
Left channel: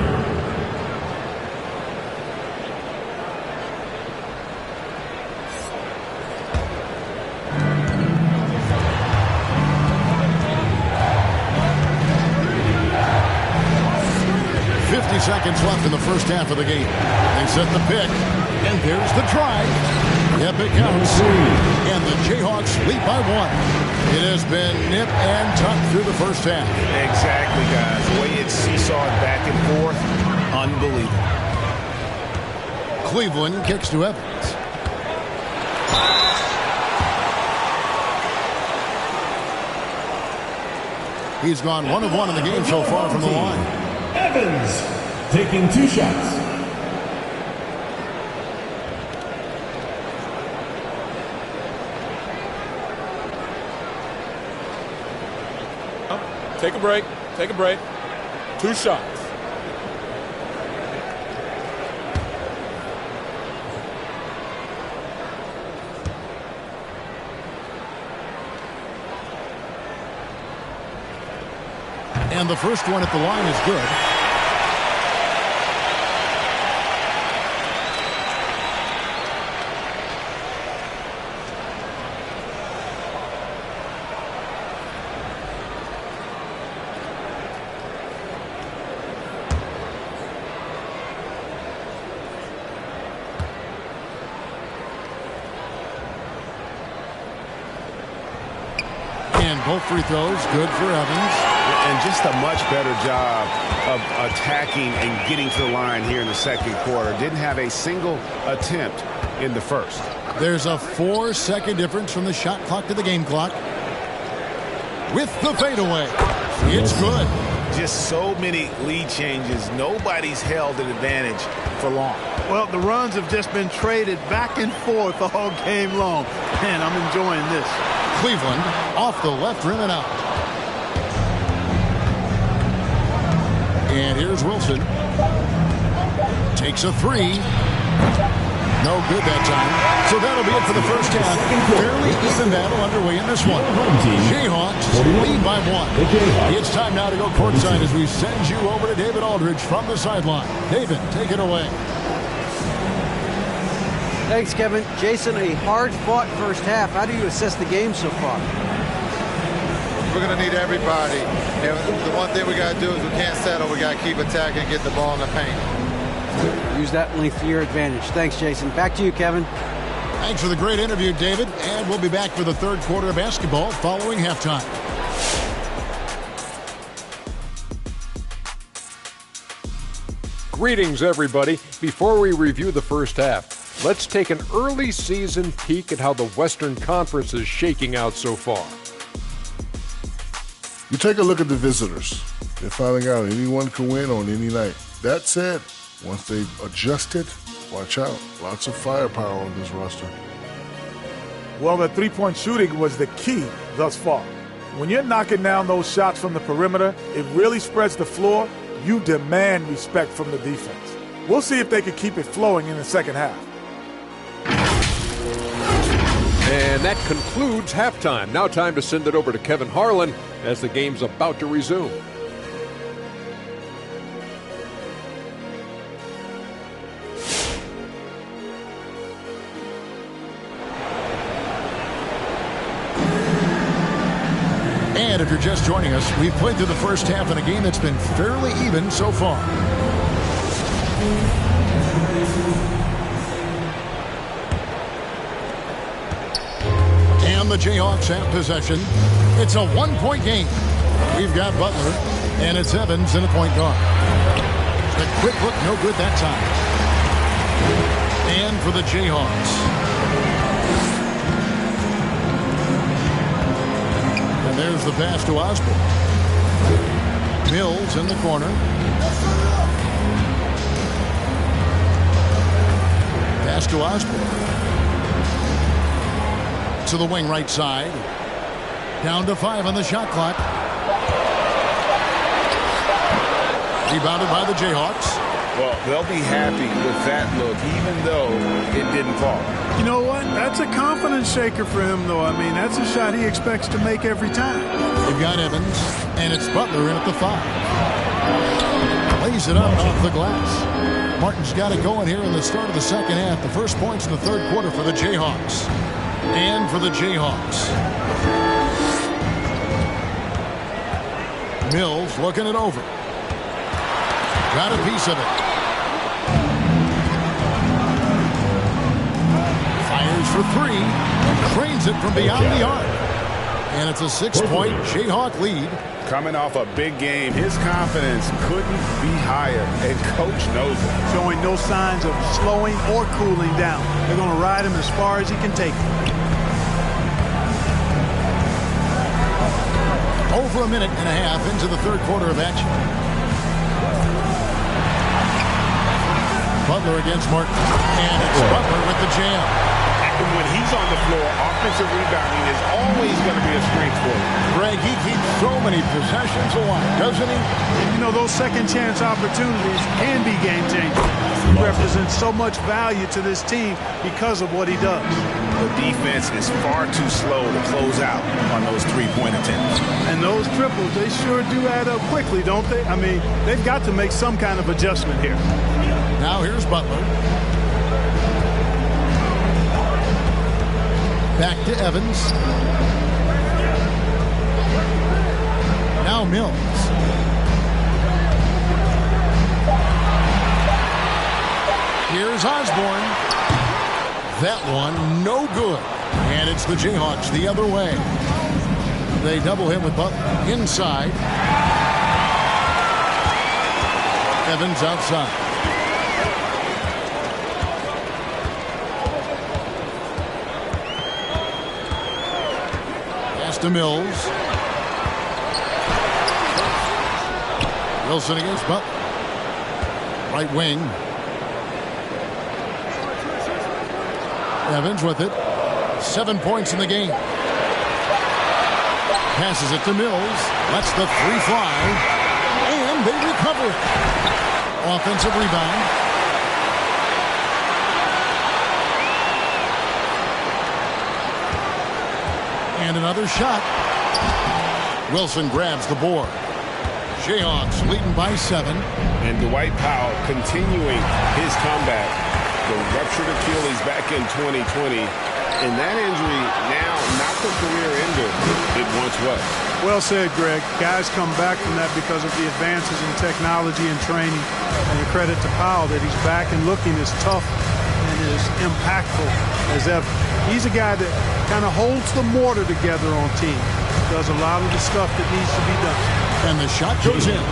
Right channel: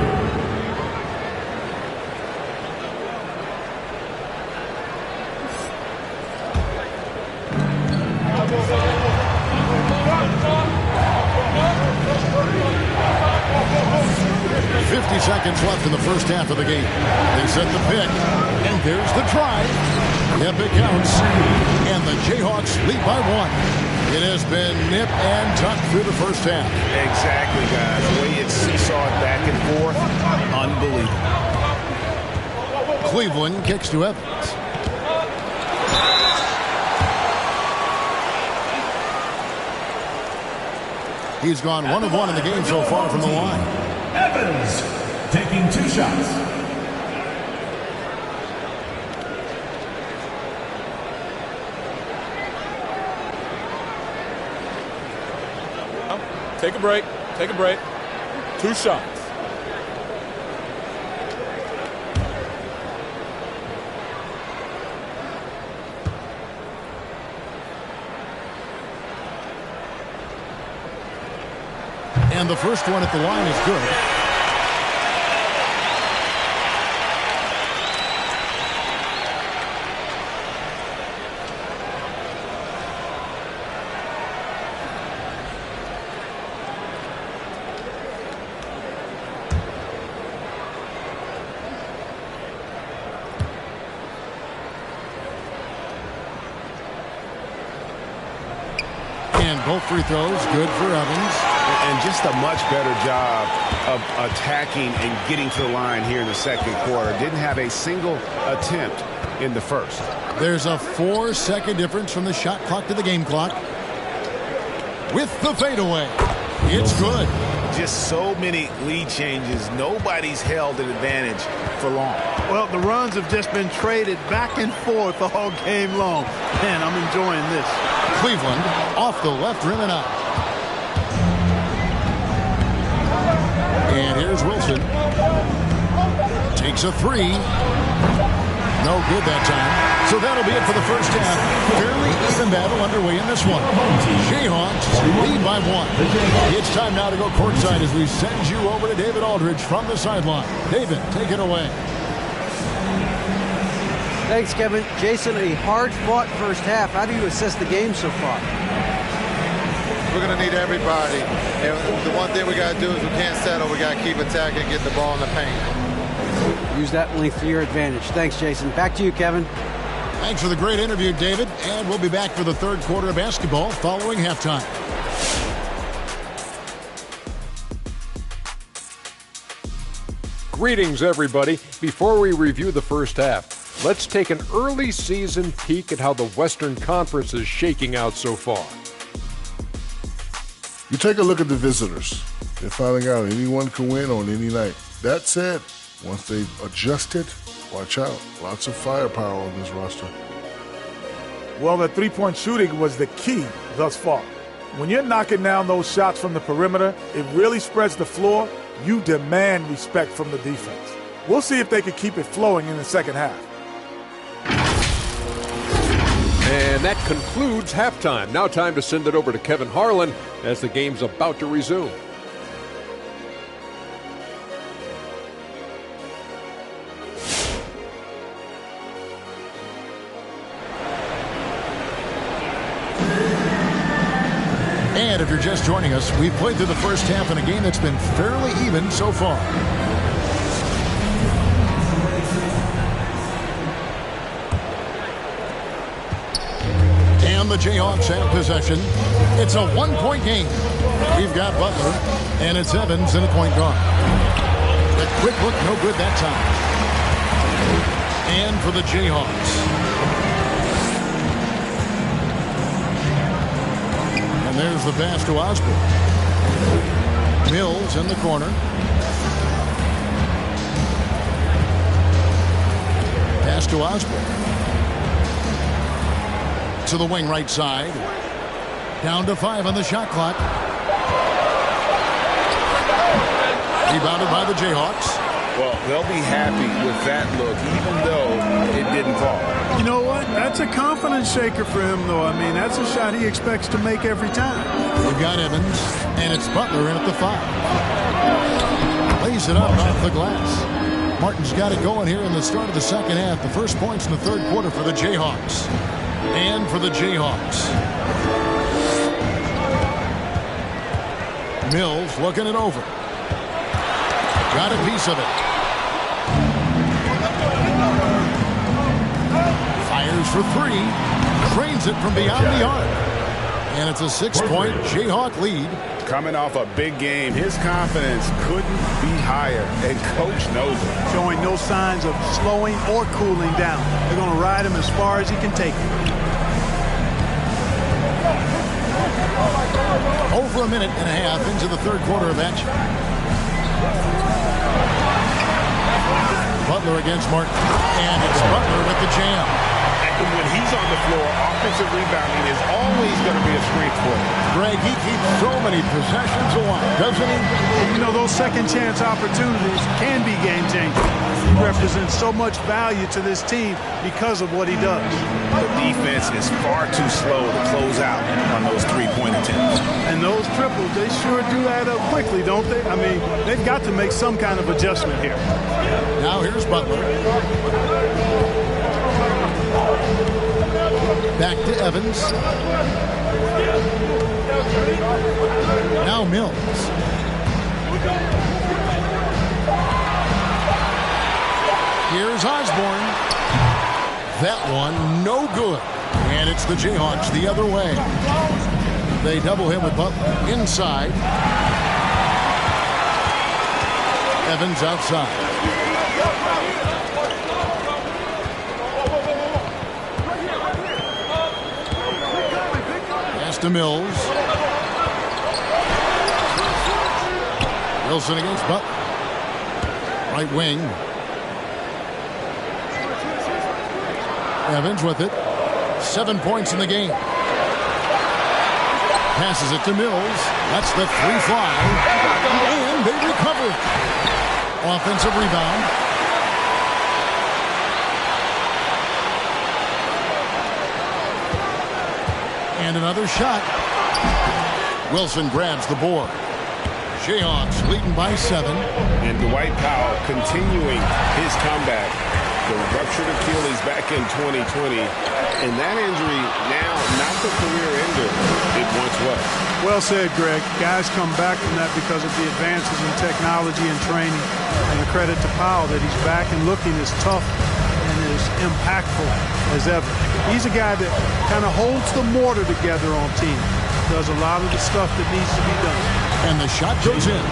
Seconds left in the first half of the game. They set the pick, and there's the drive. Yep, it counts. And the Jayhawks lead by 1. It has been nip and tuck through the first half. Exactly, guys. The way it's seesawed back and forth, unbelievable. Cleveland kicks to Evans. He's gone 1 of 1 in the game so far from the line. Evans taking 2 shots. Take a break. Take a break. 2 shots. And the first one at the line is good. And both free throws good for Evans. And just a much better job of attacking and getting to the line here in the second quarter. Didn't have a single attempt in the first. There's a 4-second difference from the shot clock to the game clock. With the fadeaway. It's good. Just so many lead changes. Nobody's held an advantage for long. Well, the runs have just been traded back and forth all game long. Man, I'm enjoying this. Cleveland off the left rim and out. And here's Wilson. Takes a 3. No good that time. So that'll be it for the first half. Fairly even battle underway in this one. Jayhawks lead by 1. It's time now to go courtside as we send you over to David Aldridge from the sideline. David, take it away. Thanks, Kevin. Jason, a hard-fought first half. How do you assess the game so far? We're going to need everybody. And the one thing we got to do is we can't settle. We got to keep attacking and get the ball in the paint. Use that length to your advantage. Thanks, Jason. Back to you, Kevin. Thanks for the great interview, David. And we'll be back for the third quarter of basketball following halftime. Greetings, everybody. Before we review the first half, let's take an early season peek at how the Western Conference is shaking out so far. You take a look at the visitors. They're finding out anyone can win on any night. That said, once they've adjusted, watch out. Lots of firepower on this roster. Well, the three-point shooting was the key thus far. When you're knocking down those shots from the perimeter, it really spreads the floor. You demand respect from the defense. We'll see if they can keep it flowing in the second half. And that concludes halftime. Now time to send it over to Kevin Harlan as the game's about to resume. And if you're just joining us, we've played through the first half in a game that's been fairly even so far. And the Jayhawks have possession. It's a one-point game. We've got Butler, and it's Evans in the point guard. The quick look, no good that time. And for the Jayhawks. And there's the pass to Osborne. Mills in the corner. Pass to Osborne. To the wing right side. Down to 5 on the shot clock. Rebounded by the Jayhawks. Well, they'll be happy with that look, even though it didn't fall. You know what? That's a confidence shaker for him, though. I mean, that's a shot he expects to make every time. They've got Evans, and it's Butler in at the 5. Lays it up off the glass. Martin's got it going here in the start of the second half. The first points in the third quarter for the Jayhawks. And for the Jayhawks. Mills looking it over. Got a piece of it. Fires for 3. Trains it from beyond the arc. And it's a 6-point Jayhawk lead. Coming off a big game, his confidence couldn't be higher, and Coach knows it. Showing no signs of slowing or cooling down. They're going to ride him as far as he can take him. Over a minute and a half into the third quarter of action. Butler against Martin. And it's Butler with the jam. And when he's on the floor, offensive rebounding is always going to be a strength for him. Greg, he keeps so many possessions alive, doesn't he? And you know, those second chance opportunities can be game changing. He represents so much value to this team because of what he does. The defense is far too slow to close out on those three-point attempts. And those triples, they sure do add up quickly, don't they? I mean, they've got to make some kind of adjustment here. Now here's Butler. Back to Evans. Now Mills. Here's Osborne. That one, no good. And it's the Jayhawks the other way. They double him with Butler inside. Evans outside. Pass to Mills. Wilson against Butler. Right wing. Evans with it. 7 points in the game. Passes it to Mills. Lets the 3 fly. And they recover it. Offensive rebound. And another shot. Wilson grabs the board. Jayhawks leading by 7. And Dwight Powell continuing his comeback. The ruptured Achilles back in 2020. And that injury now not the career ender it once was. Well said, Greg. Guys come back from that because of the advances in technology and training. And a credit to Powell that he's back and looking as tough and as impactful as ever. He's a guy that kind of holds the mortar together on team. Does a lot of the stuff that needs to be done. And the shot goes in.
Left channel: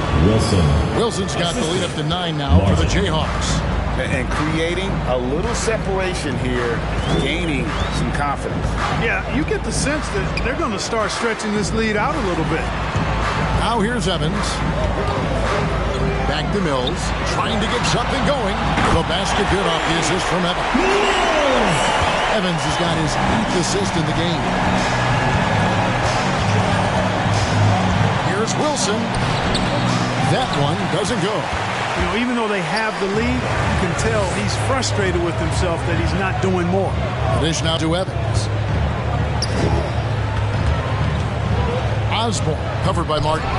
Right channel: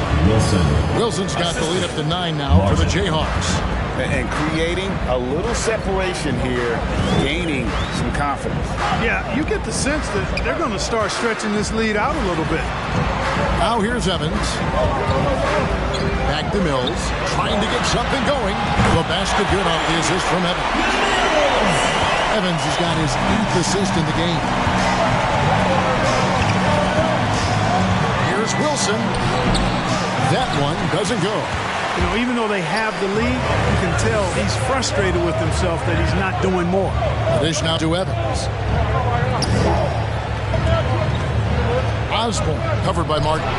Wilson's got the lead up to 9 now for the Jayhawks. And creating a little separation here, gaining some confidence. Yeah, you get the sense that they're going to start stretching this lead out a little bit. Now here's Evans. Back to Mills, trying to get something going. The basket good off the assist from Evans. Evans has got his 8th assist in the game. Here's Wilson. That one doesn't go. You know, even though they have the lead, you can tell he's frustrated with himself that he's not doing more. The dish now to Evans. Osborne covered by Martin.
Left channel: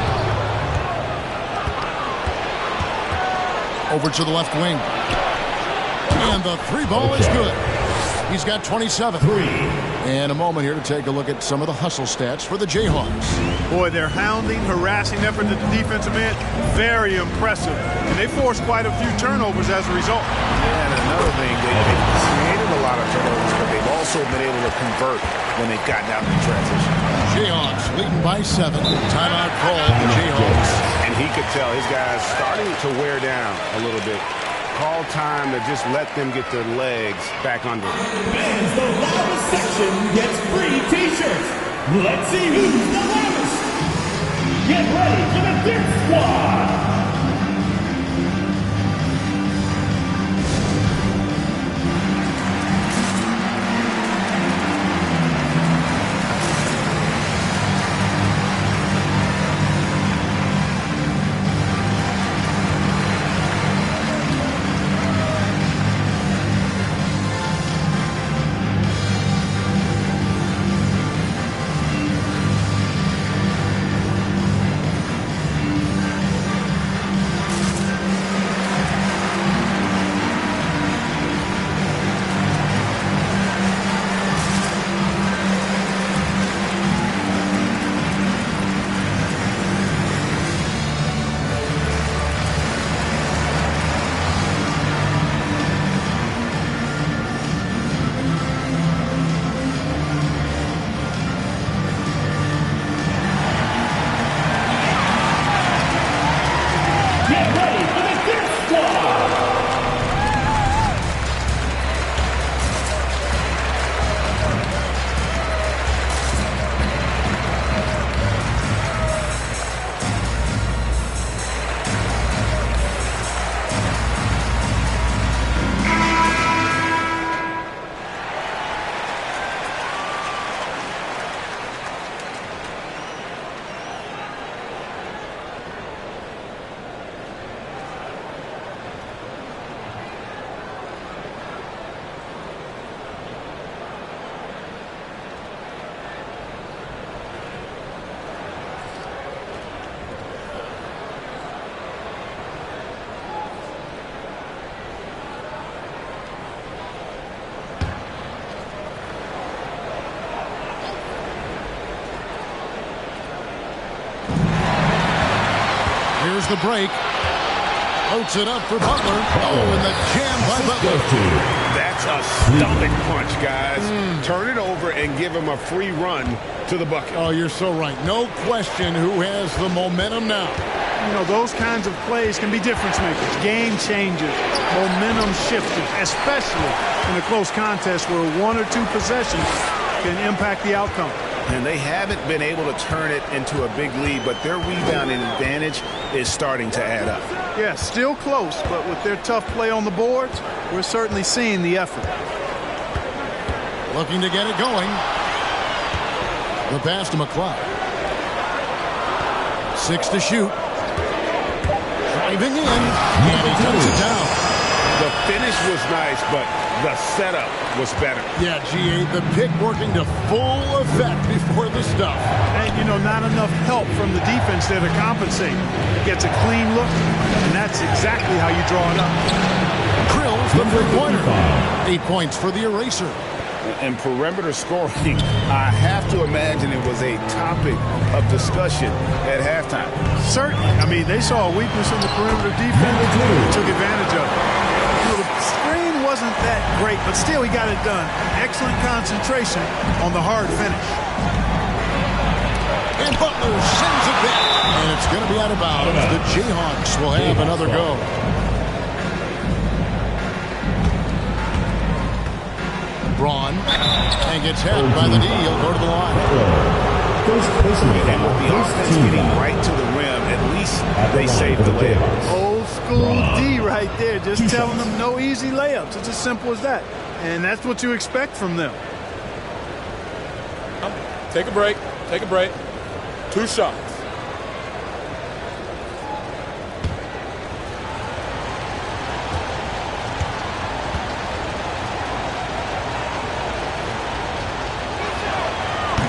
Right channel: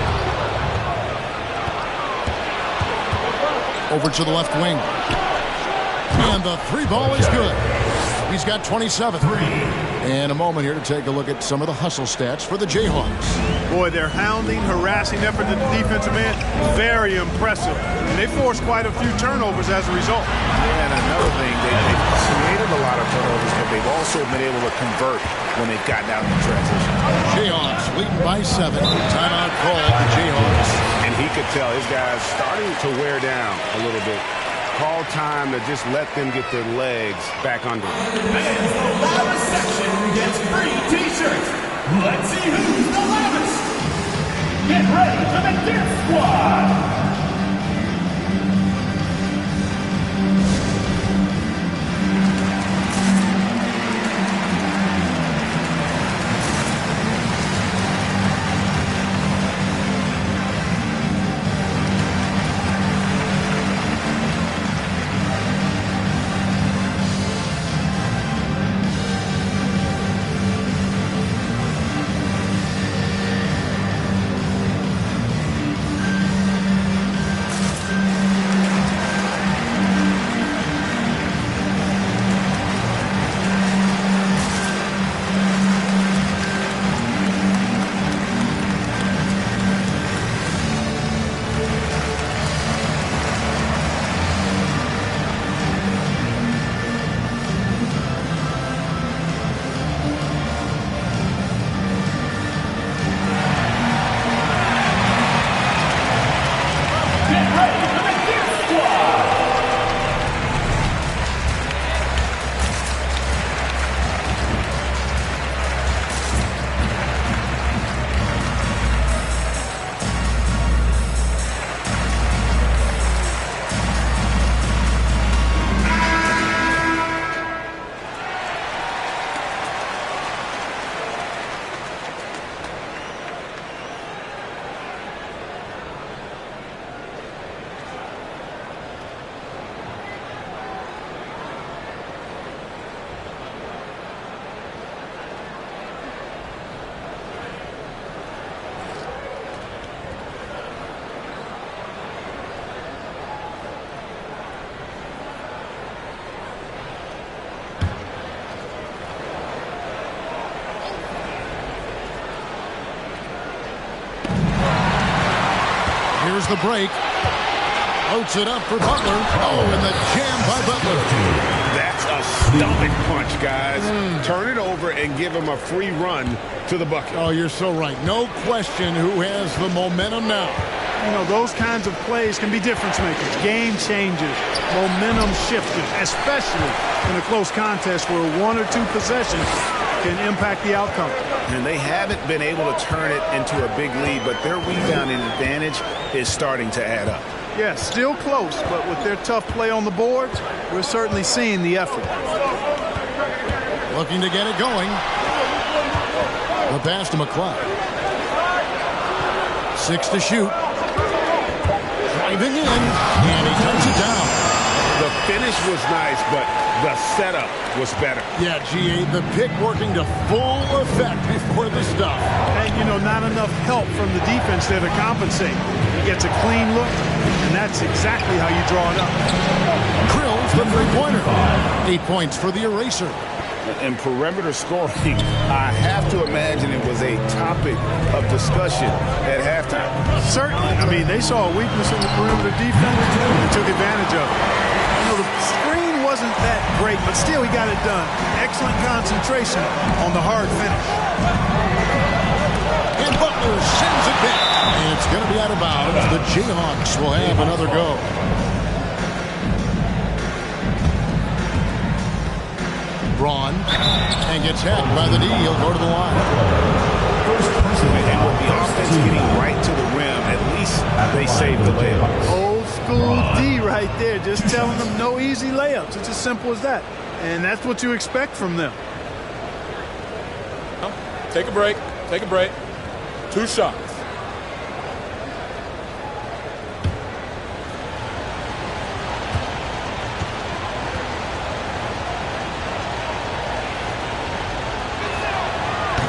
Over to the left wing. And the 3 ball is good. He's got 27. And a moment here to take a look at some of the hustle stats for the Jayhawks. Boy, their hounding, harassing effort to the defensive end, very impressive. And they forced quite a few turnovers as a result. Yeah, and another thing, they've created a lot of turnovers, but they've also been able to convert when they've gotten out in the transition. Jayhawks leading by 7. Timeout called the Jayhawks. And he could tell his guys starting to wear down a little bit. Call time to just let them get their legs back under them. Fans, the loudest section gets free T-shirts. Let's see who's the loudest. Get ready for the Dirt Squad. Here's the break. Floats it up for Butler. Oh, and the jam by Butler. That's a stomach punch, guys. Turn it over and give him a free run to the bucket. Oh, you're so right. No question who has the momentum now. You know, those kinds of plays can be difference makers, game changers, momentum shifters, especially in a close contest where one or two possessions can impact the outcome. And they haven't been able to turn it into a big lead, but their rebounding advantage is starting to add up. Yeah, still close, but with their tough play on the boards, we're certainly seeing the effort. Looking to get it going. The pass to McCloud. 6 to shoot. Driving in, and he tucks it down. The finish was nice, but the setup was better. Yeah, G8, the pick working to full effect before the stuff. And, you know, not enough help from the defense there to compensate. He gets a clean look, and that's exactly how you draw it up. Krills the three-pointer. 8 points for the eraser. And perimeter scoring, I have to imagine it was a topic of discussion at halftime. Certainly. I mean, they saw a weakness in the perimeter defense and took advantage of it. You know, the screen wasn't that great, but still he got it done. Excellent concentration on the hard finish. And Butler sends it back. And it's going to be out of bounds. The Jayhawks will have another go. Braun and gets hit by the D. He'll go to the line. And with the offense getting right to the rim, at least they saved the layup. Old school D right there, just telling them no easy layups. It's as simple as that. And that's what you expect from them. Take a break. Take a break. 2 shots.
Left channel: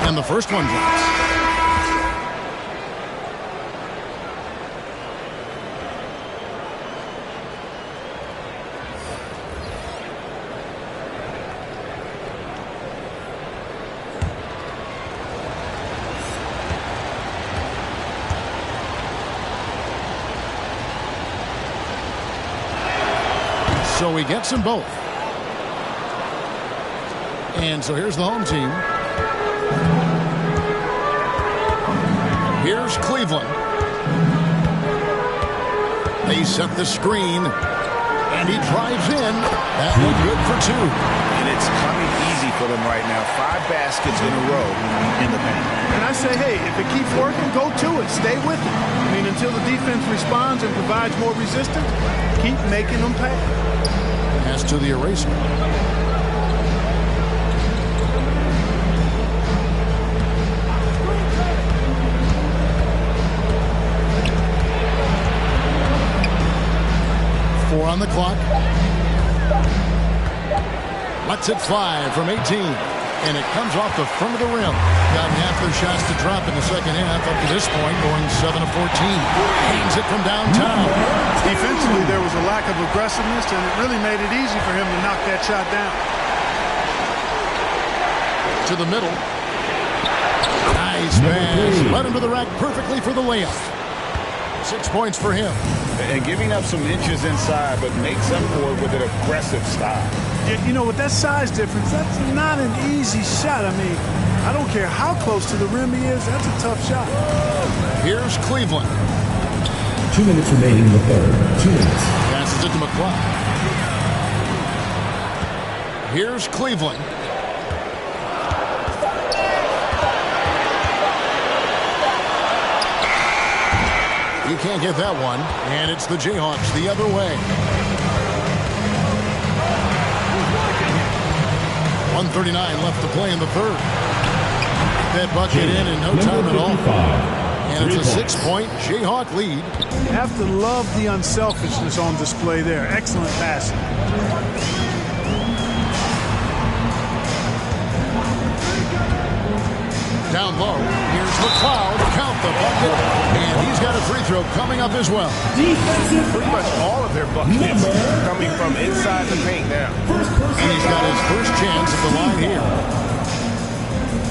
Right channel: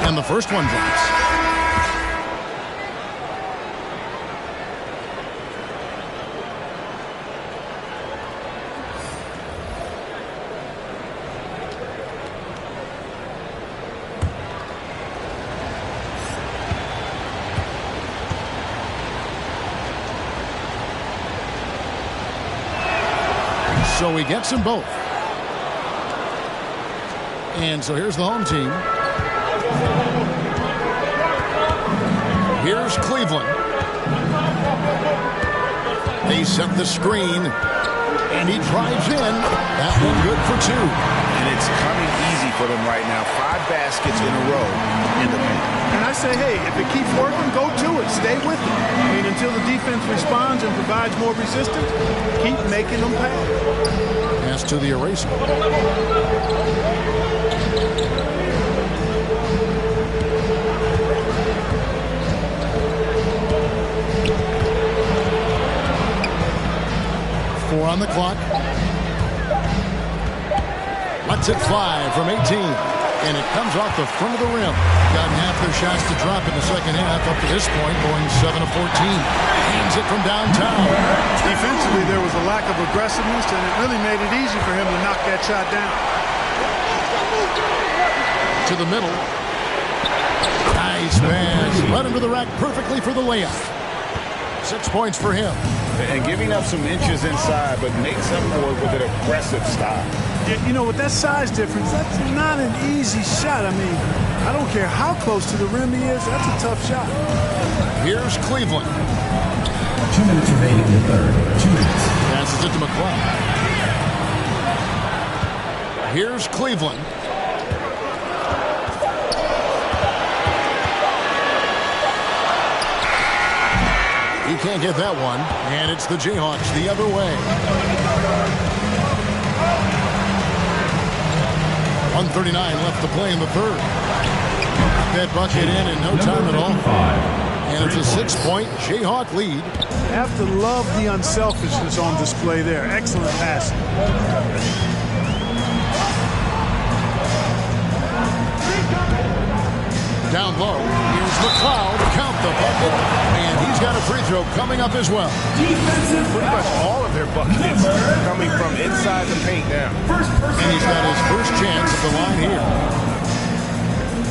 And the first one drops. So he gets them both. And so here's the home team. Here's Cleveland. They set the screen, and he drives in. That one good for 2. And it's coming easy for them right now. 5 baskets in a row in the paint. And I say, hey, if it keeps working, go to it. Stay with it. I mean, until the defense responds and provides more resistance, keep making them pay. Pass to the eraser. Four on the clock. Lets it fly from 18. And it comes off the front of the rim. Gotten half their shots to drop in the second half up to this point, going 7 of 14. Hands it from downtown. Defensively, there was a lack of aggressiveness, and it really made it easy for him to knock that shot down. To the middle. Nice pass. Led him to the rack perfectly for the layup. 6 points for him. And giving up some inches inside, but makes up for it with an aggressive style. You know, with that size difference, that's not an easy shot. I mean, I don't care how close to the rim he is, that's a tough shot. Here's Cleveland. 2 minutes remaining in the third. 2 minutes. Passes it to McCloud. Here's Cleveland. He can't get that one, and it's the Jayhawks the other way. 1:39 left to play in the third. That bucket in no time at all. And it's a 6-point Jayhawk lead. You have to love the unselfishness on display there. Excellent passing. Down low, here's McCloud. Count the bucket, and he's got a free throw coming up as well. Defensive. Pretty much all of their buckets coming from inside the paint now. And he's got his first chance at the line here.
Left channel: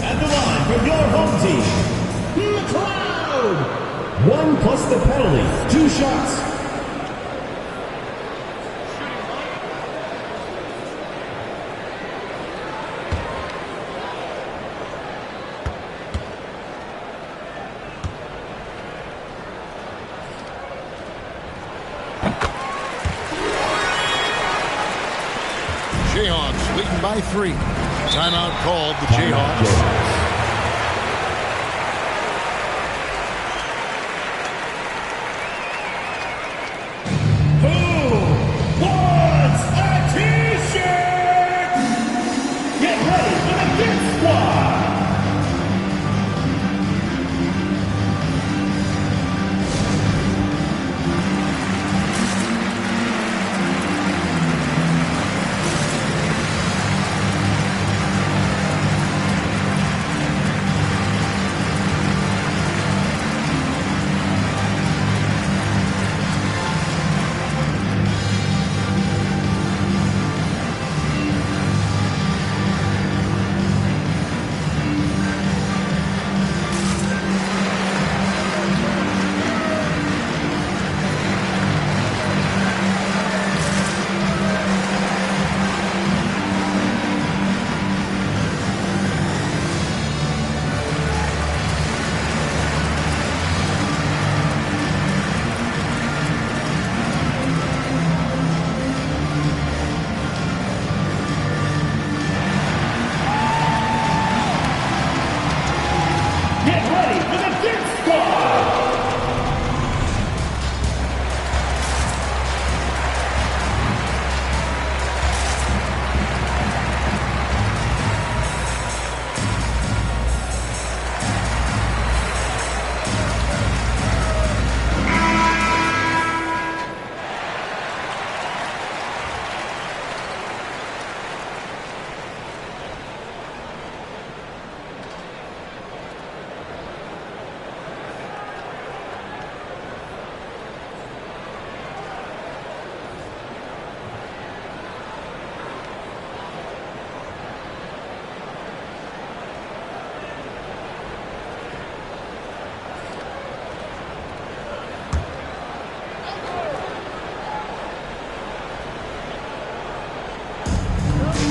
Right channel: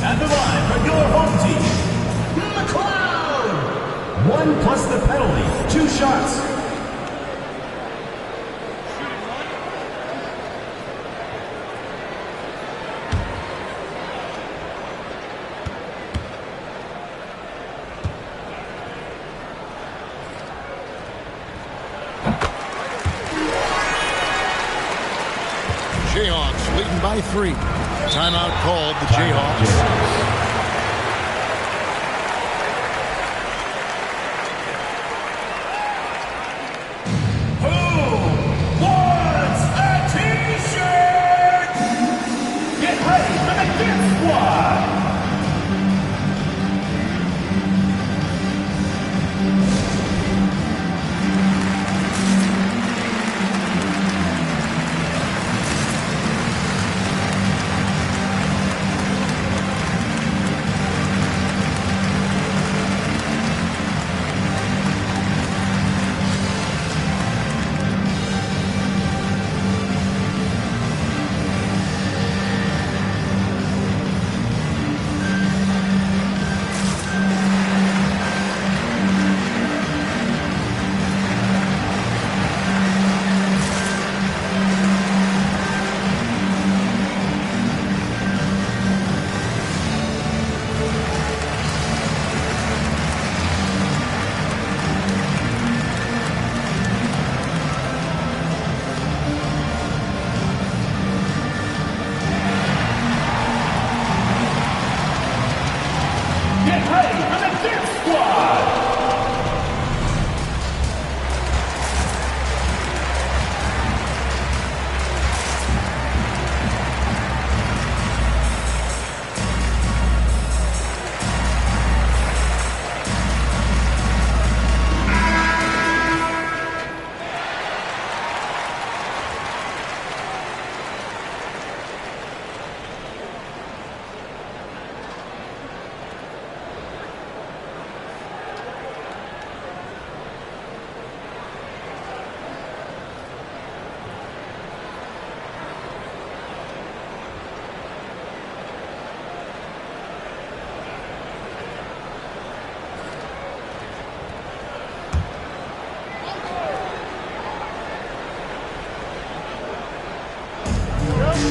At the line for your home team, McCloud. 1 plus the penalty. 2 shots. Jayhawks leading by 3. Timeout called the Jayhawks. Who wants a T-shirt? Get ready for the Gift Squad.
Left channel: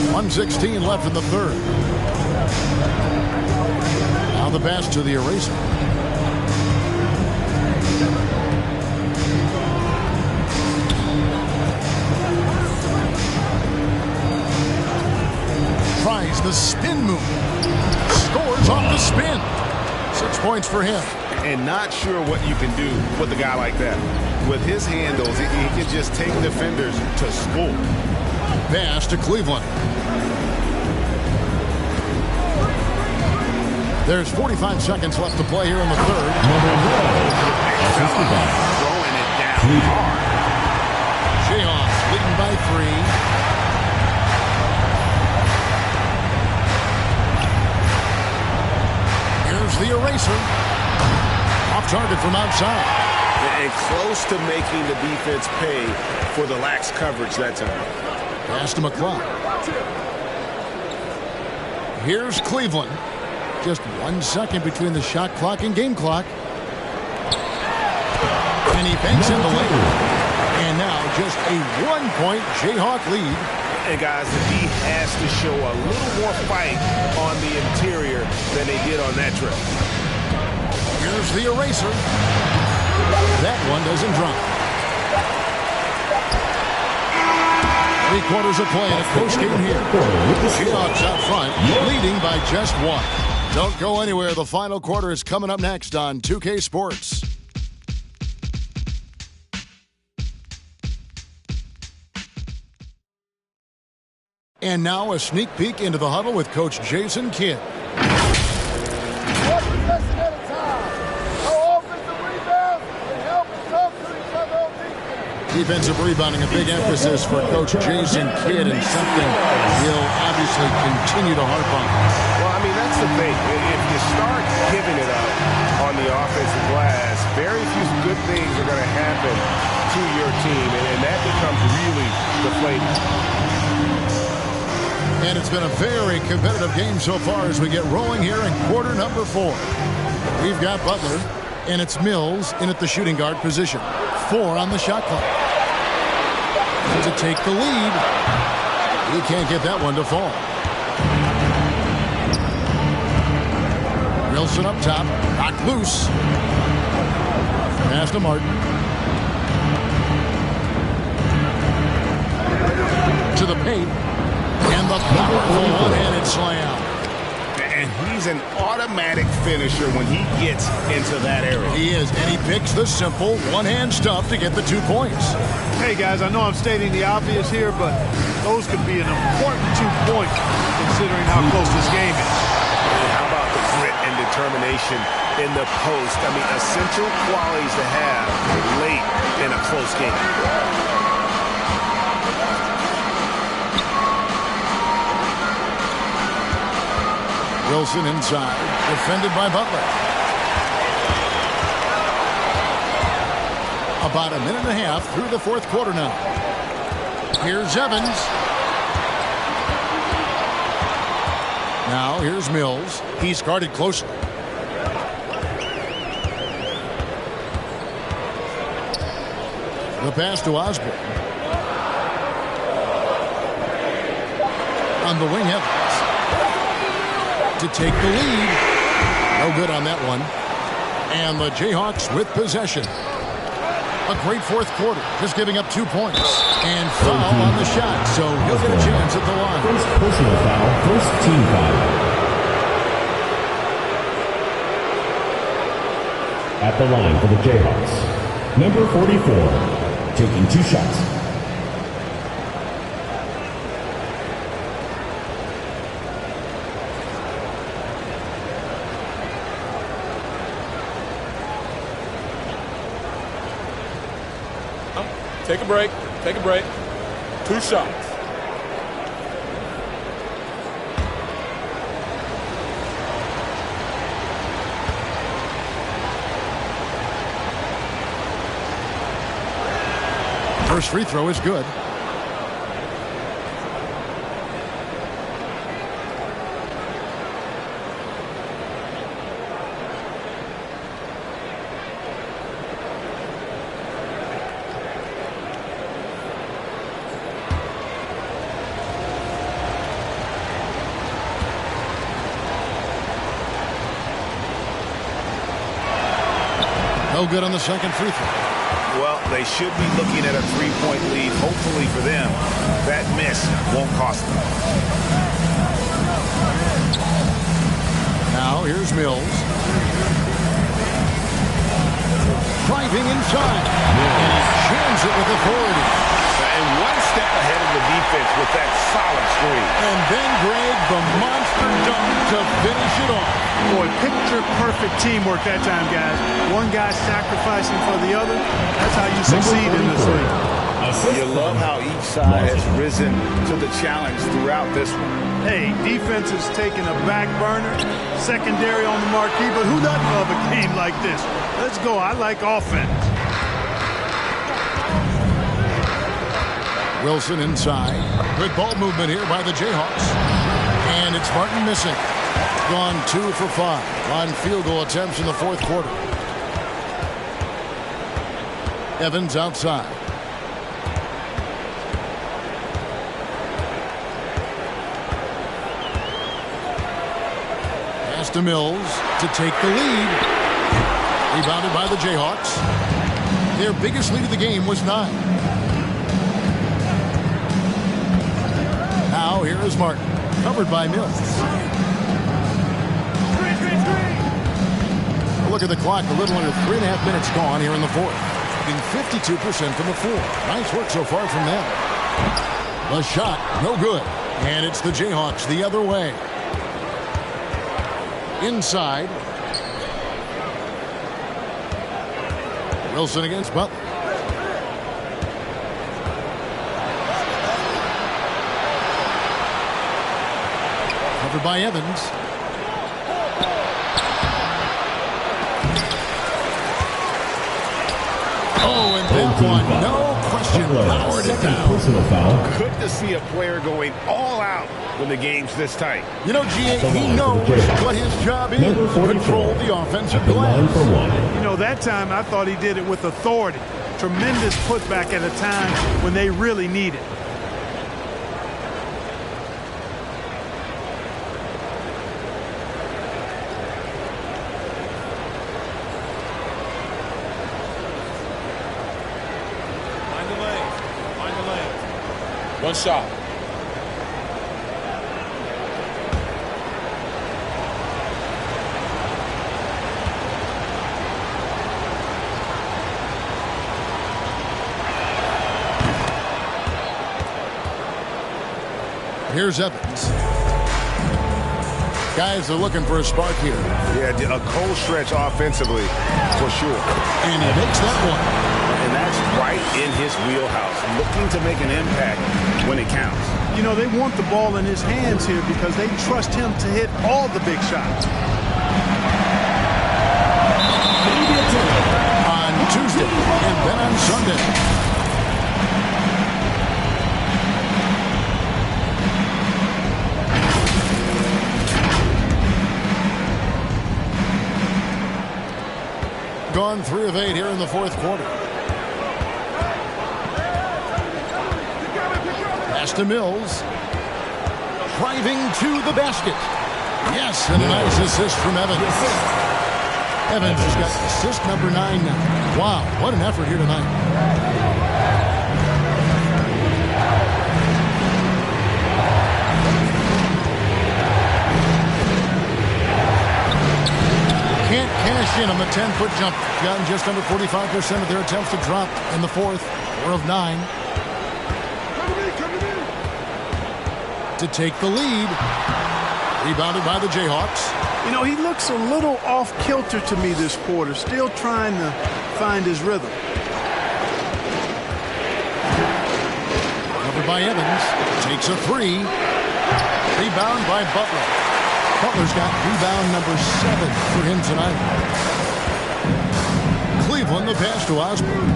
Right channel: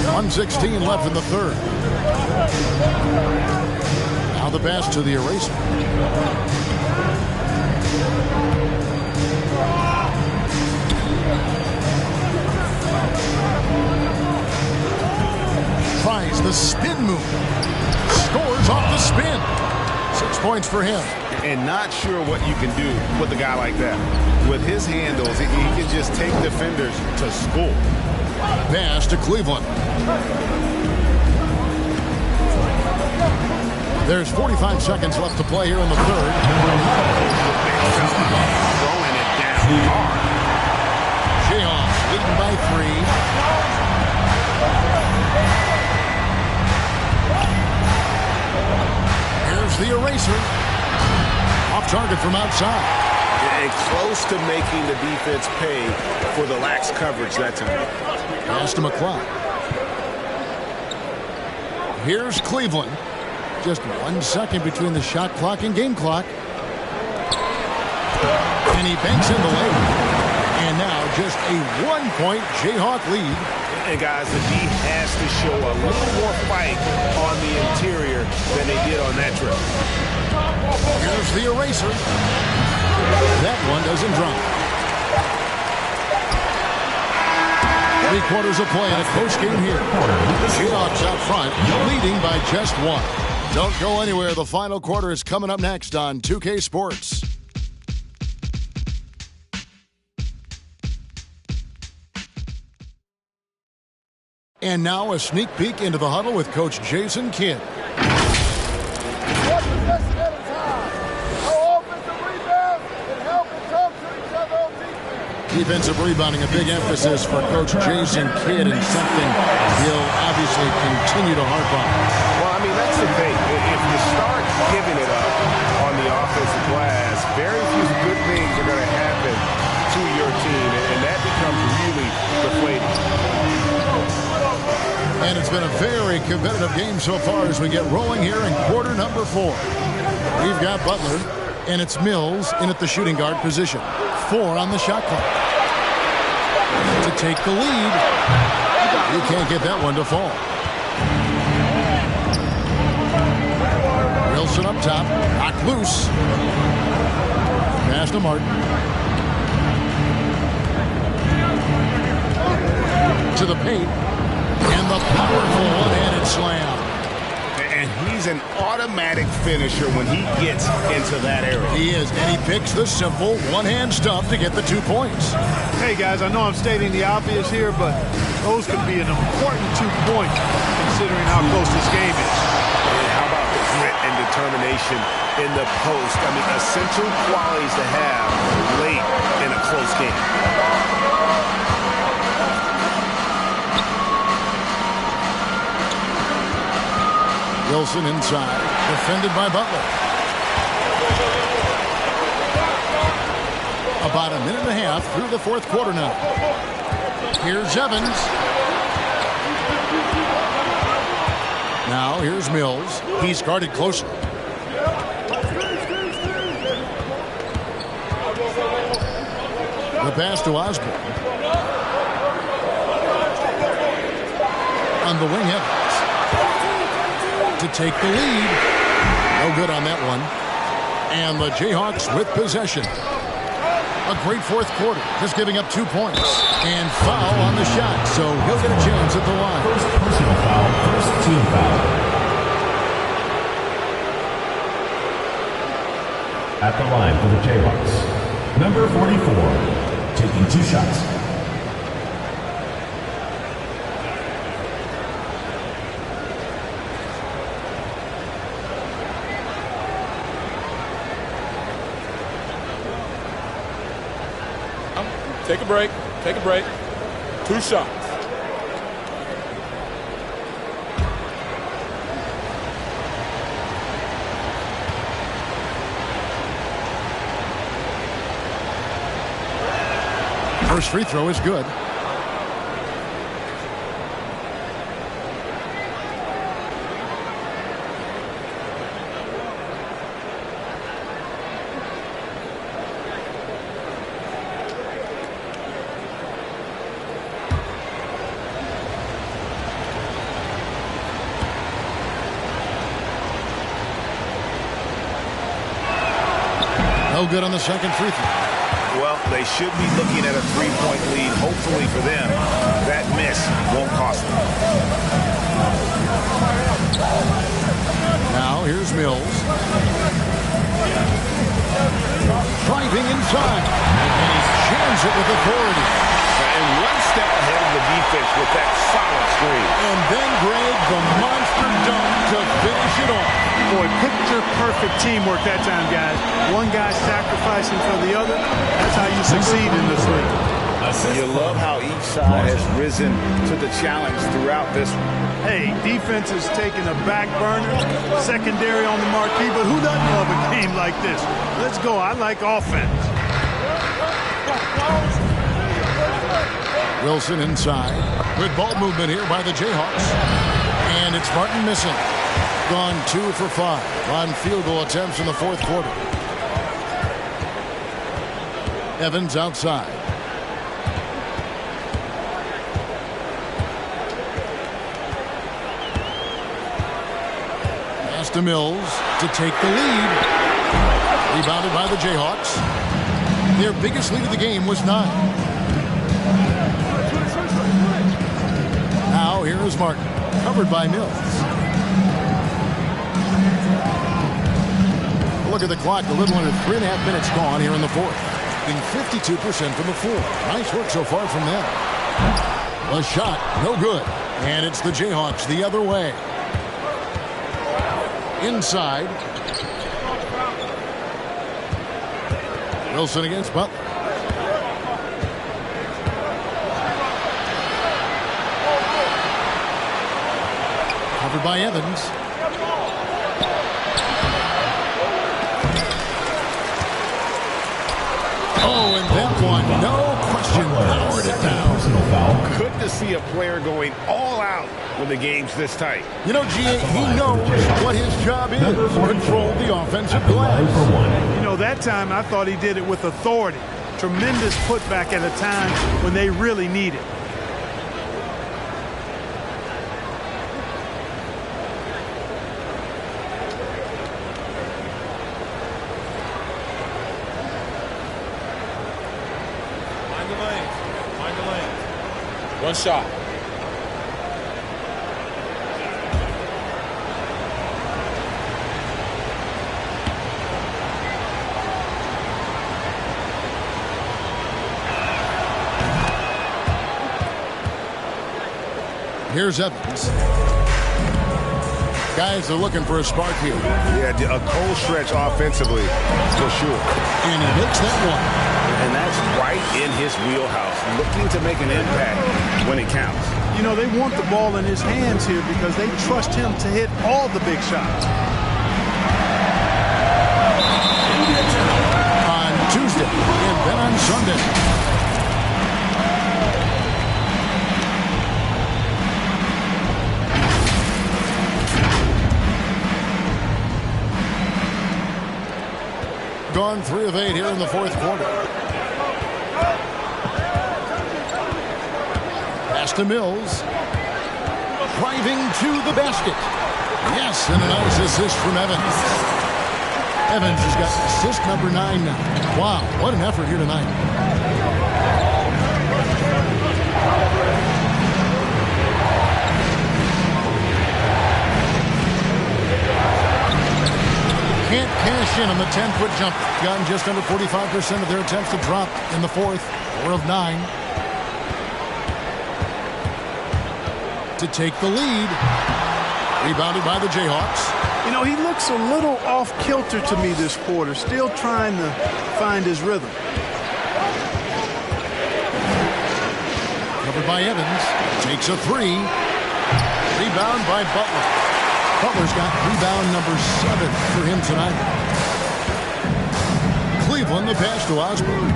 .116 left in the third. Now the pass to the eraser. tries the spin move. Scores off the spin. 6 points for him. And not sure what you can do with a guy like that. With his handles, he can just take defenders to school. Pass to Cleveland. There's 45 seconds left to play here in the third. Big fella throwing it down hard. Jayhawks leading by 3. Here's the eraser. Off target from outside. And close to making the defense pay for the lax coverage that time. Pass to McCloud. Here's Cleveland. Just 1 second between the shot clock and game clock. And he banks in the lane. And now just a 1-point Jayhawk lead. And guys, the D has to show a little more fight on the interior than they did on that trip. Here's the eraser. That one doesn't drop. 3 quarters of play in a close game here. Jayhawks out front, leading by just 1. Don't go anywhere. The final quarter is coming up next on 2K Sports. And now a sneak peek into the huddle with Coach Jason Kidd. One possession at a time. No offensive rebounds and help and talk to each other on defense. Defensive rebounding, a big emphasis for Coach Jason Kidd, and something he'll obviously continue to harp on. Well, I mean, that's the thing. If you start giving it up on the offensive glass, very few good things are going to happen to your team, and that becomes really deflating. And it's been a very competitive game so far as we get rolling here in quarter number 4. We've got Butler, and it's Mills in at the shooting guard position. 4 on the shot clock. To take the lead. He can't get that one to fall. Wilson up top. Knocked loose. Pass to Martin. To the paint. And the powerful one-handed slam. And he's an automatic finisher when he gets into that area. He is, and he picks the simple one-hand stuff to get the 2 points. Hey, guys, I know I'm stating the obvious here, but those could be an important 2 points considering how close this game is. And how about the grit and determination in the post? I mean, essential qualities to have late in a close game. Wilson inside, defended by Butler. About a minute and a half through the fourth quarter now. Here's Evans. Now here's Mills. He's guarded closely. The pass to Osborne. On the wing, Evans. To take the lead. No good on that one. And the Jayhawks with possession. A great fourth quarter, just giving up 2 points. And foul on the shot, so he'll get a chance at the line. First personal foul, first team foul. At the line for the Jayhawks, number 44, taking 2 shots. Take a break. Take a break. 2 shots. First free throw is good. No good on the second free throw. Well, they should be looking at a 3-point lead, hopefully for them. That miss won't cost them. Now here's Mills. Driving inside. And he jams it with authority. And one step ahead of the defense with that solid screen. And then Greg, the monster dunk to finish it off. Boy, picture-perfect teamwork that time, guys. One guy sacrificing for the other. That's how you succeed in this league. You love how each side has risen to the challenge throughout this one. Hey, defense is taking a back burner, secondary on the marquee, but who doesn't love a game like this? Let's go. I like offense. Wilson inside. Good ball movement here by the Jayhawks. And it's Martin missing. Gone 2 for 5 on field goal attempts in the fourth quarter. Evans outside. Pass to Mills to take the lead. Rebounded by the Jayhawks. Their biggest lead of the game was 9. Now here is Martin, covered by Mills. A look at the clock, a little under 3.5 minutes gone here in the fourth. Getting 52% from the floor. Nice work so far from them. The shot, no good. And it's the Jayhawks the other way. Inside. Wilson against Butler. Covered by Evans. Oh, and that one, no question, powered it down. Personal foul. Good to see a player going all out when the game's this tight. You know, G.A., he knows what his job is. Control the offensive glass. You know, that time I thought he did it with authority. Tremendous putback at a time when they really need it. Find the lane. One shot. Here's Evans. Guys are looking for a spark here. Yeah, a cold stretch offensively, for sure. And he makes that one. And that's right in his wheelhouse, looking to make an impact when it counts. You know, they want the ball in his hands here because they trust him to hit all the big shots. On Tuesday and then on Sunday. Gone 3 of 8 here in the fourth quarter. Pass to Mills. Driving to the basket. Yes, and a nice assist from Evans. Evans has got assist number 9 now. Wow, what an effort here tonight. Can't cash in on the 10-foot jumper. Gotten just under 45% of their attempts to drop in the fourth. 4 of 9. To take the lead. Rebounded by the Jayhawks. You know, he looks a little off-kilter to me this quarter. Still trying to find his rhythm. Covered by Evans. Takes a 3. Rebound by Butler. Butler's got rebound number 7 for him tonight. Cleveland, the pass to Osborne.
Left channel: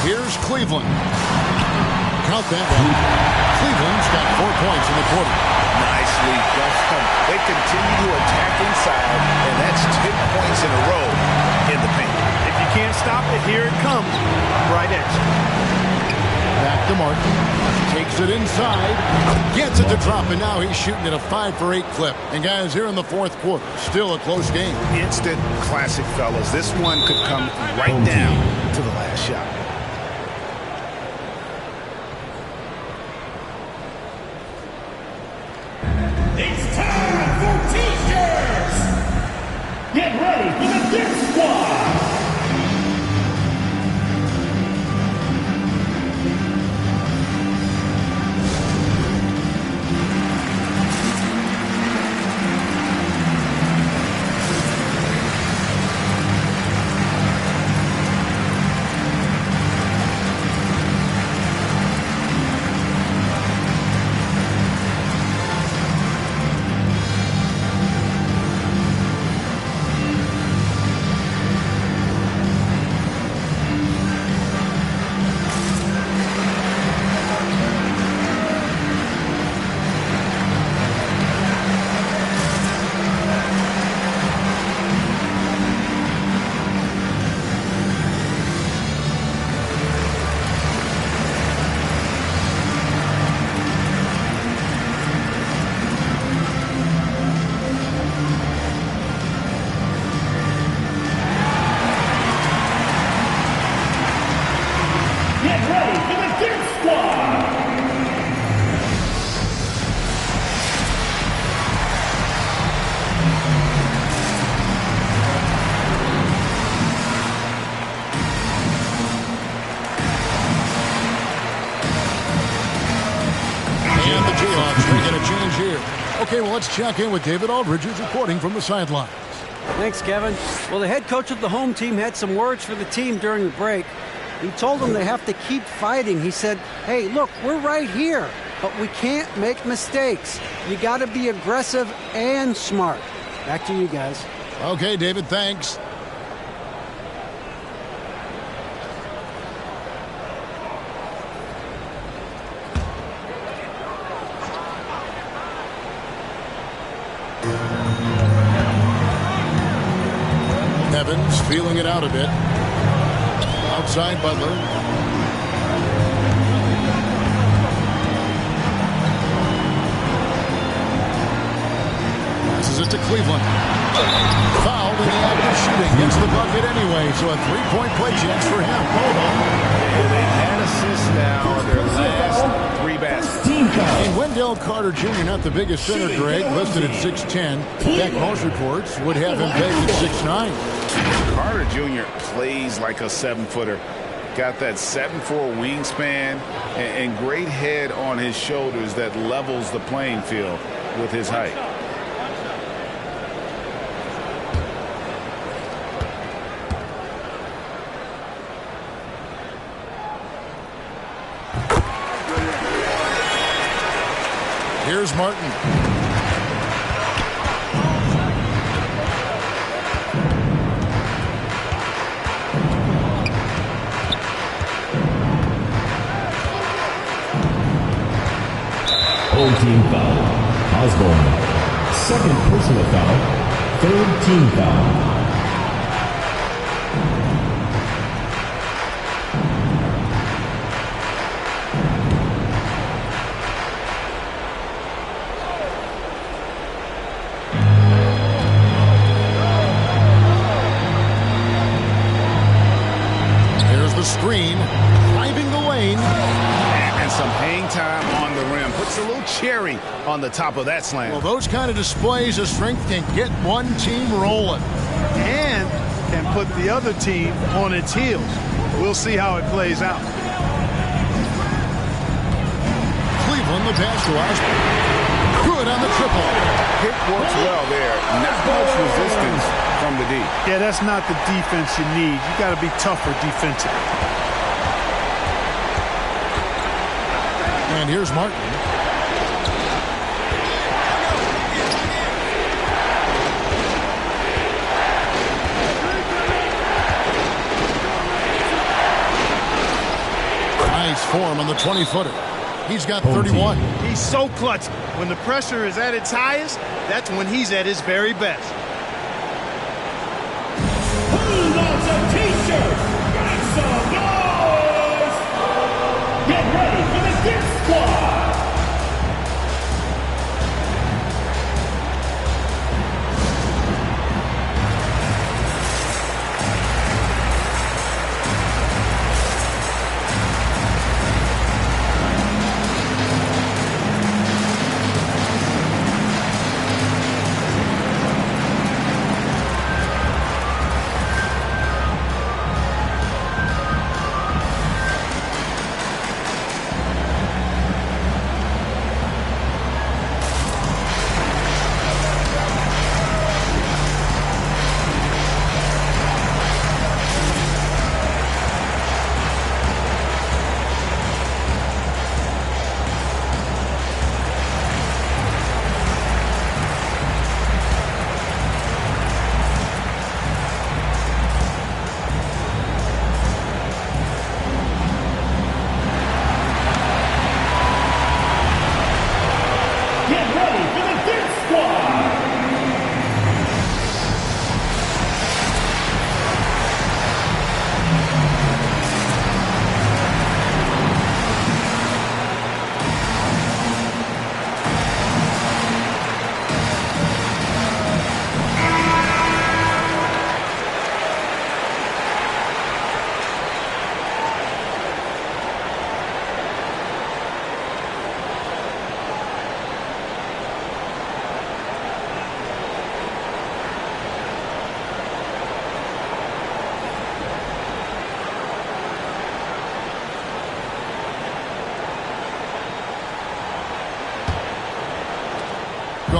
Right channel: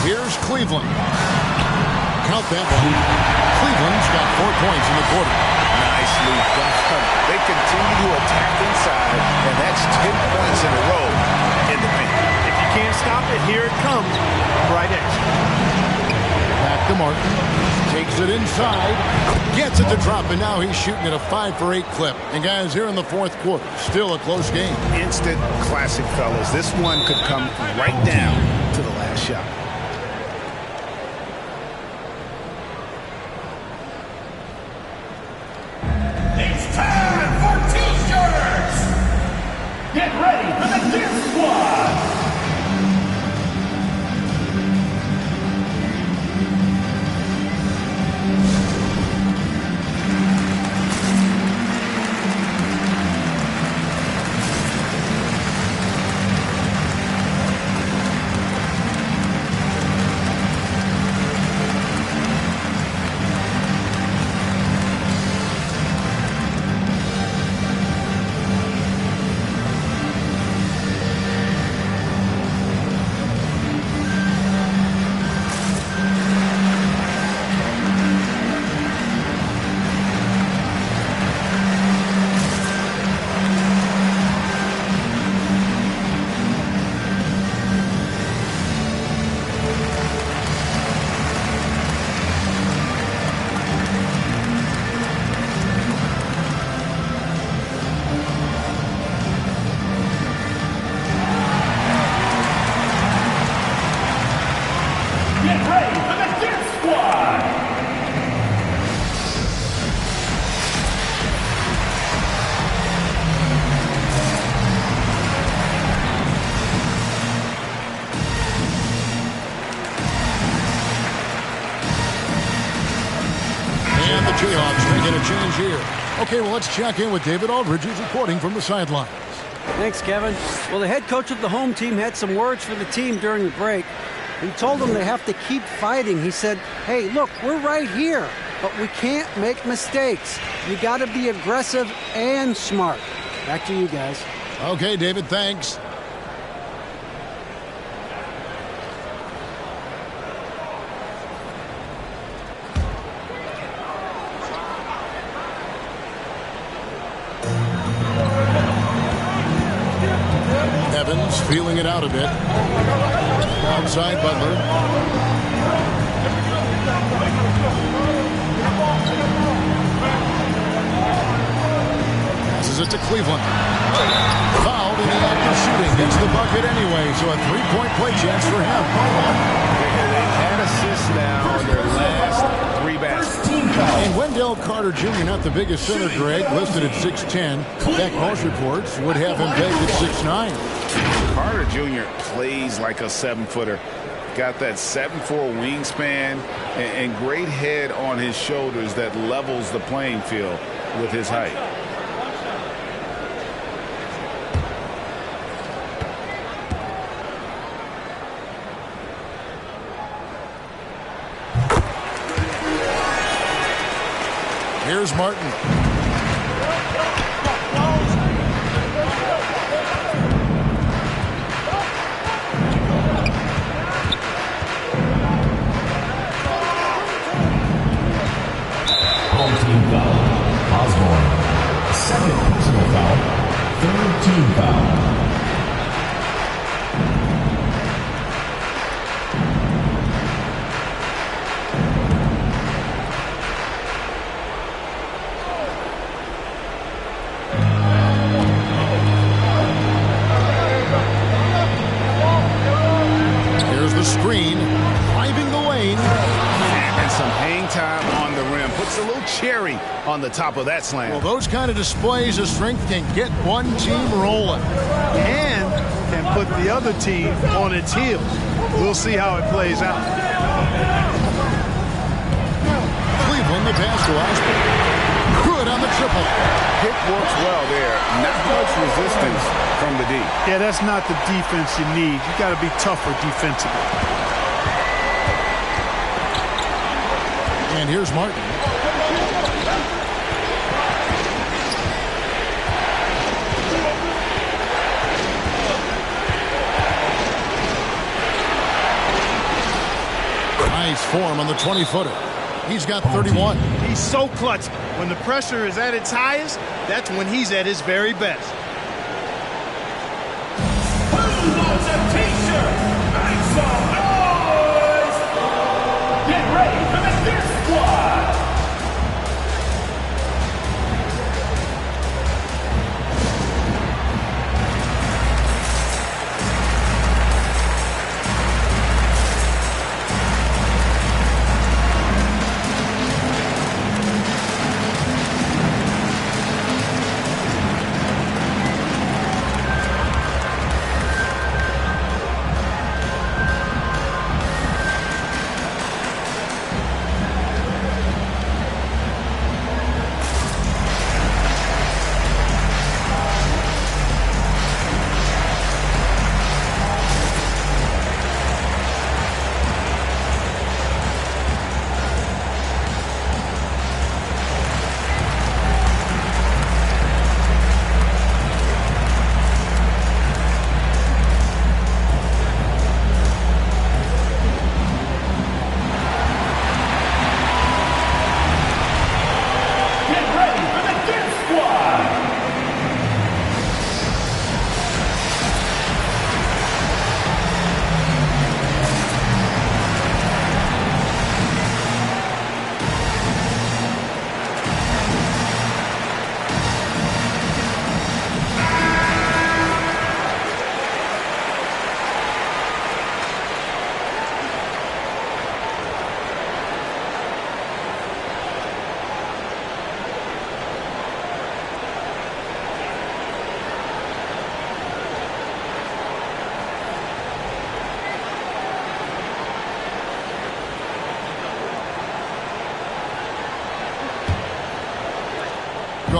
Here's Cleveland. Count that one. Cleveland's got 4 points in the quarter. Nicely done. They continue to attack inside, and that's 10 points in a row in the paint. If you can't stop it, here it comes. Right edge. Back to Martin. Takes it inside. Gets it to drop, and now he's shooting at a 5 for 8 clip. And guys, here in the fourth quarter, still a close game. Instant classic, fellas. This one could come right down to the last shot. ready for the Deer Squad. Get ready for the Deer Squad. And the Jayhawks making a change here. Okay, well, let's check in with David Aldridge, who's reporting from the sidelines. Thanks, Kevin. Well, the head coach of the home team had some words for the team during the break. He told them they have to keep fighting. He said, hey, look, we're right here, but we can't make mistakes. You got to be aggressive and smart. Back to you guys. Okay, David, thanks. Evans feeling it out a bit. Outside Butler. Passes it to Cleveland. Fouled in the act of shooting. Gets the bucket anyway, so a three-point play chance for him. And they've had assists now on their last 3 baskets. And Wendell Carter Jr., not the biggest center, Greg, listed at 6'10". In fact, most reports would have him pegged at 6'9". Carter Jr. plays like a 7-footer. Got that 7'4" wingspan and great head on his shoulders that levels the playing field with his height. Here's Martin. Home team foul. Osborne. Second personal foul. Third team foul. Here's the screen. Driving the lane. And some hang time on the rim. Puts a little cherry on the top of that slam. Well, those kind of displays of strength can get one team rolling. And can put the other team on its heels. We'll see how it plays out. Cleveland, the pass to Osborne. Good on the triple. Pick works well there. Not much resistance from the D. Yeah, that's not the defense you need. You got to be tougher defensively. And here's Martin. Nice form on the 20-footer. He's got 31. He's so clutch. When the pressure is at its highest, that's when he's at his very best. Who wants a t-shirt? Make some noise! Get ready for the Deer Squad!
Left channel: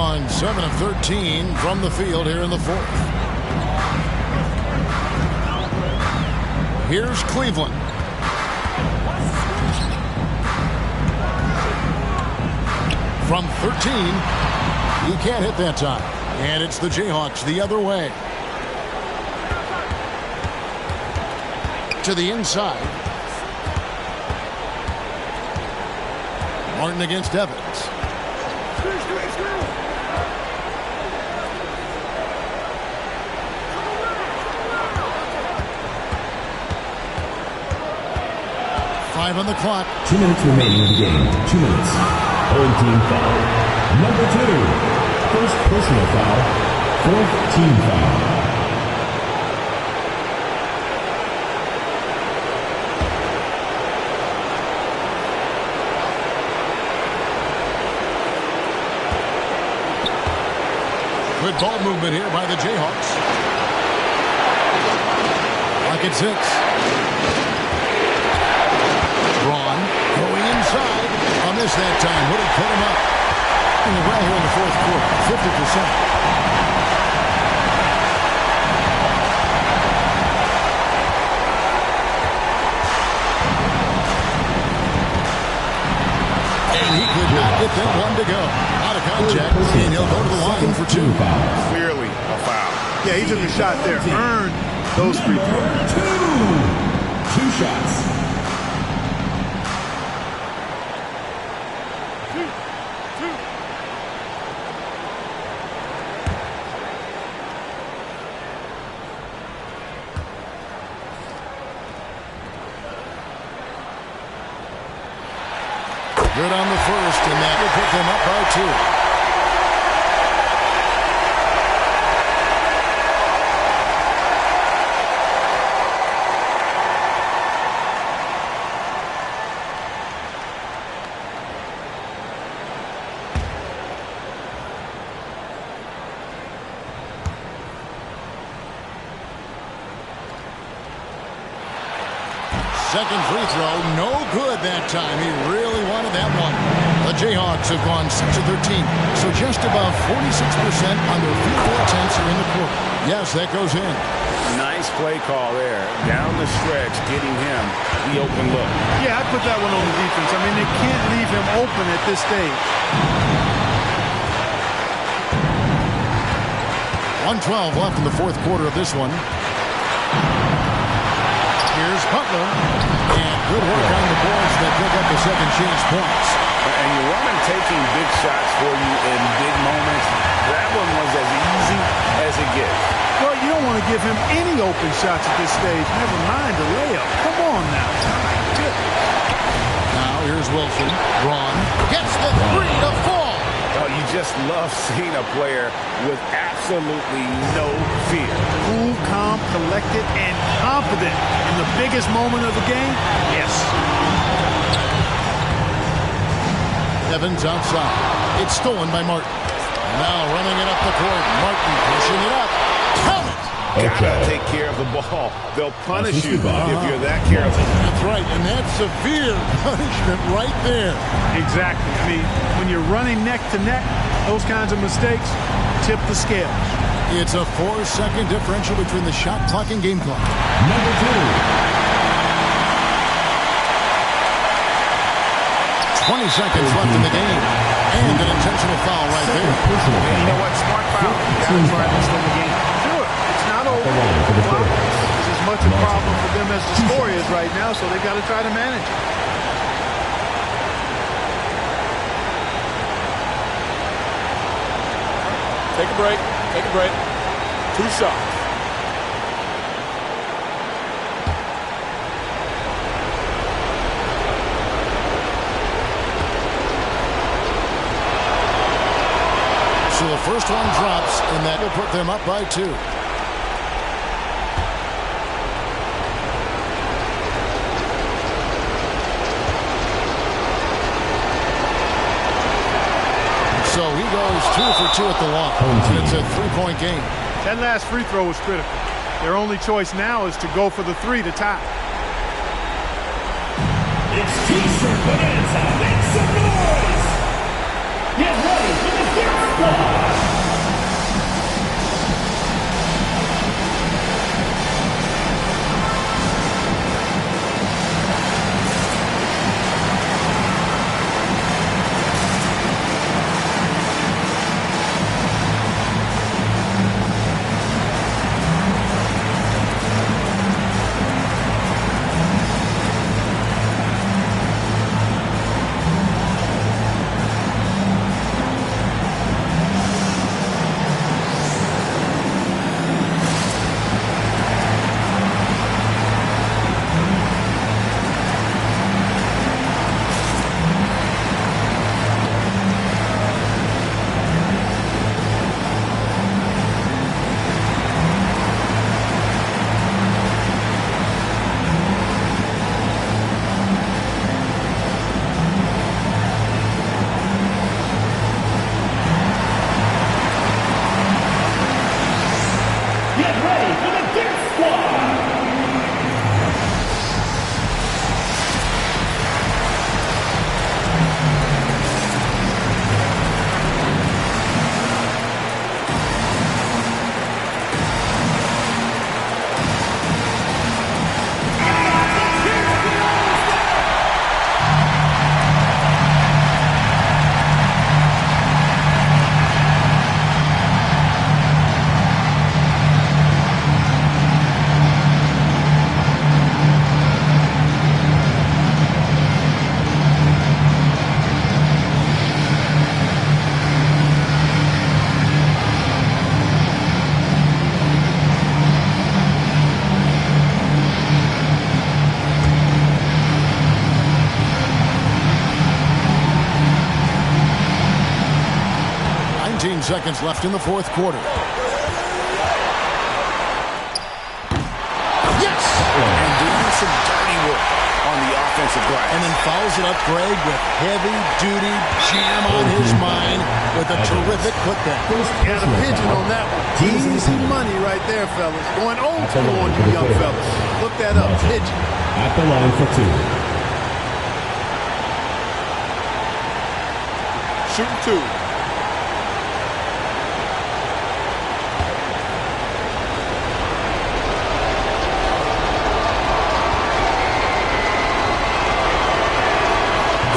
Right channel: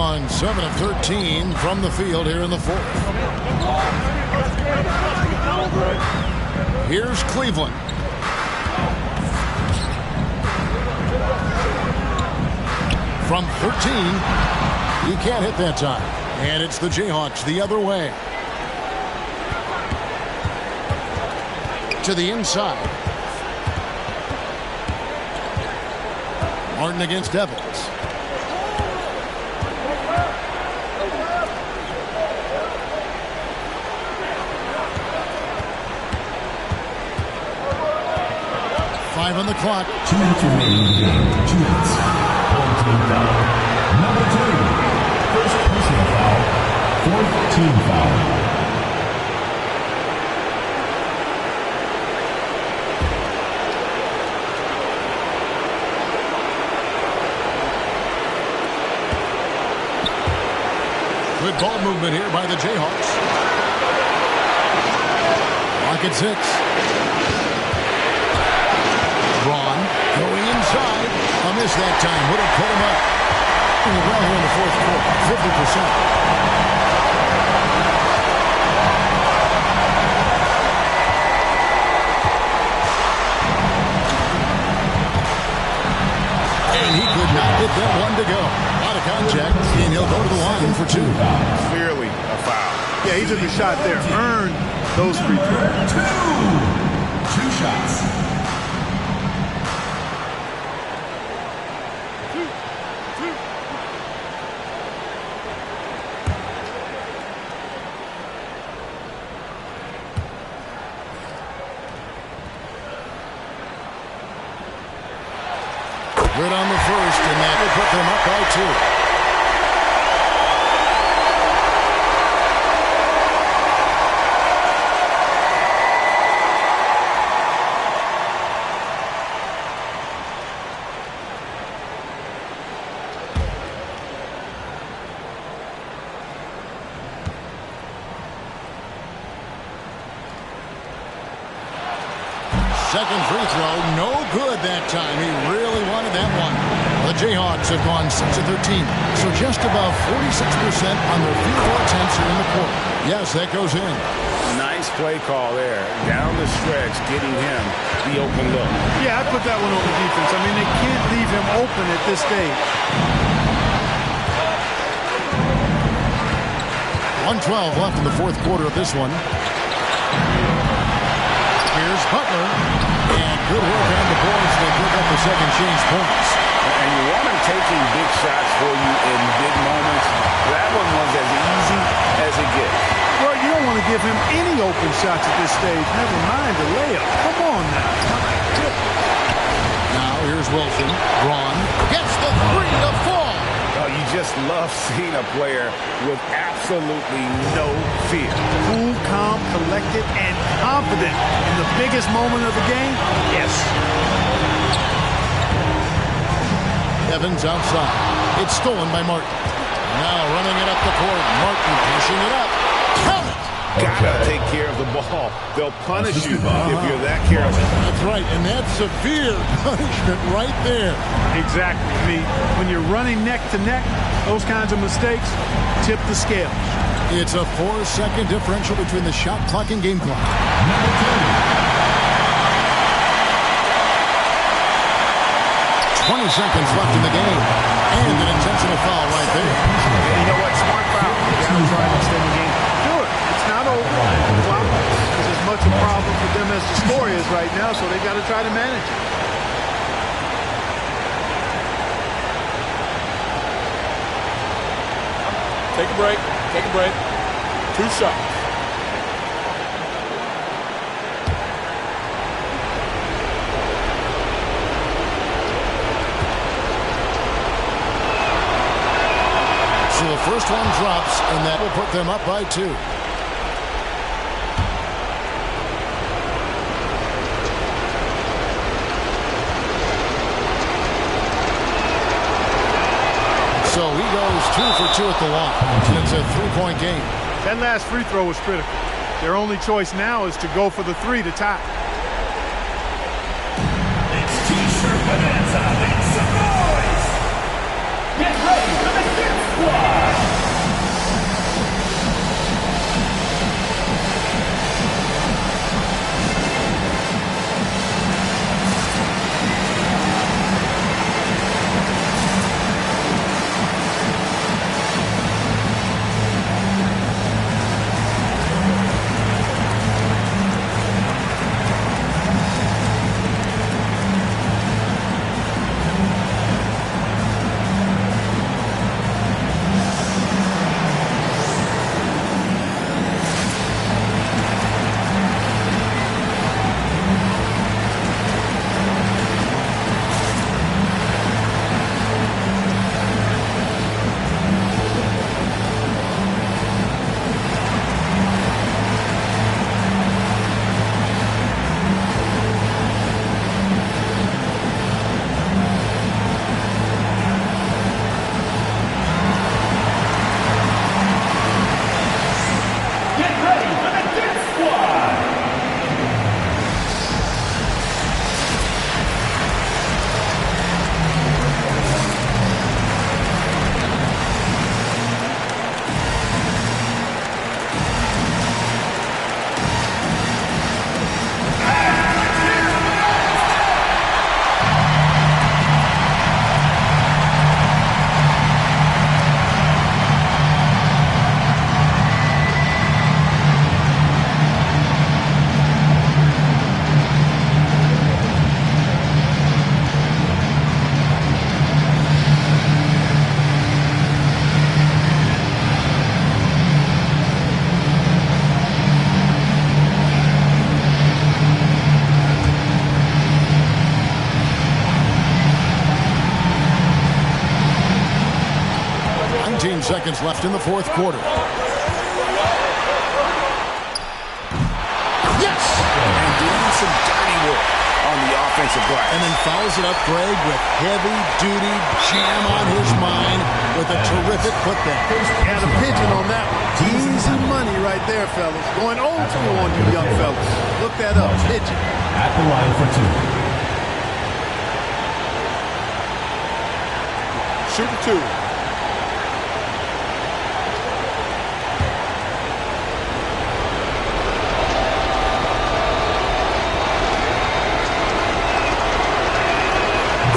gone 7 of 13 from the field here in the fourth. Here's Cleveland. From 13, he can't hit that time. And it's the Jayhawks the other way. To the inside. Martin against Evans. Five on the clock. 2 minutes remaining in the game. 2 minutes. Old team foul. Number 2. First personal foul. Fourth team foul. Good ball movement here by the Jayhawks. Lock at 6. Braun going inside. A miss that time. Would have put him up. Doing well here in the fourth quarter. 50%. And he could not get that one to go. Out of contact, and he'll go to the line for 2. Clearly a foul. Yeah, he took a shot there. Earned those free throws. 2 shots. Good on the first, and that will put them up by 2. Second free throw, no good that time. He really wanted that one. The Jayhawks have gone 6 of 13, so just above 46% on their field goal attempts here in the quarter. Yes, that goes in. Nice play call there. Down the stretch, getting him the open look. Yeah, I'd put that one on the defense. I mean, they can't leave him open at this stage. 1:12 left in the fourth quarter of this one. Here's Butler, and good work on the boards. They pick up the second change points. And you want him taking big shots for you in big moments. That one was as easy as it gets. Well, you don't want to give him any open shots at this stage. Never mind the layup. Come on now. My goodness. Now here's Wilson. Braun gets the 3 to fall. Oh, you just love seeing a player with absolutely no fear. Cool, calm, collected, and confident in the biggest moment of the game. Yes. Evans outside. It's stolen by Martin. Now running it up the court. Martin pushing it up. Count it. Gotta take care of the ball. They'll punish you if you're that careless. That's right, and that's severe punishment right there. Exactly. I mean, when you're running neck to neck, those kinds of mistakes tip the scales. It's a 4-second differential between the shot clock and game clock. Number 2. 20 seconds left in the game. And an intentional foul right there. Yeah, you know what? Smart foul. You got to try and extend the game. Do it. It's not over. The clock is as much a problem for them as the score is right now, so they've got to try to manage it. Take a break. Take a break. 2 shots. So the first one drops, and that will put them up by 2. So he goes 2 for 2 at the line. And it's a 3-point game. That last free throw was critical. Their only choice now is to go for the 3 to tie. It's T-shirt bonanza. Make some noise. Get ready for the Dirt Squad. Get ready for the Dirt Squad. Seconds left in the fourth quarter. Yes! And doing some dirty work on the offensive glass. And then fouls it up, Greg, with heavy-duty jam on his mind with a terrific putback. Got a pigeon on that one. Easy money right there, fellas. Going old school on you young fellas. Look that up, pigeon. At the line for two. Shooting two.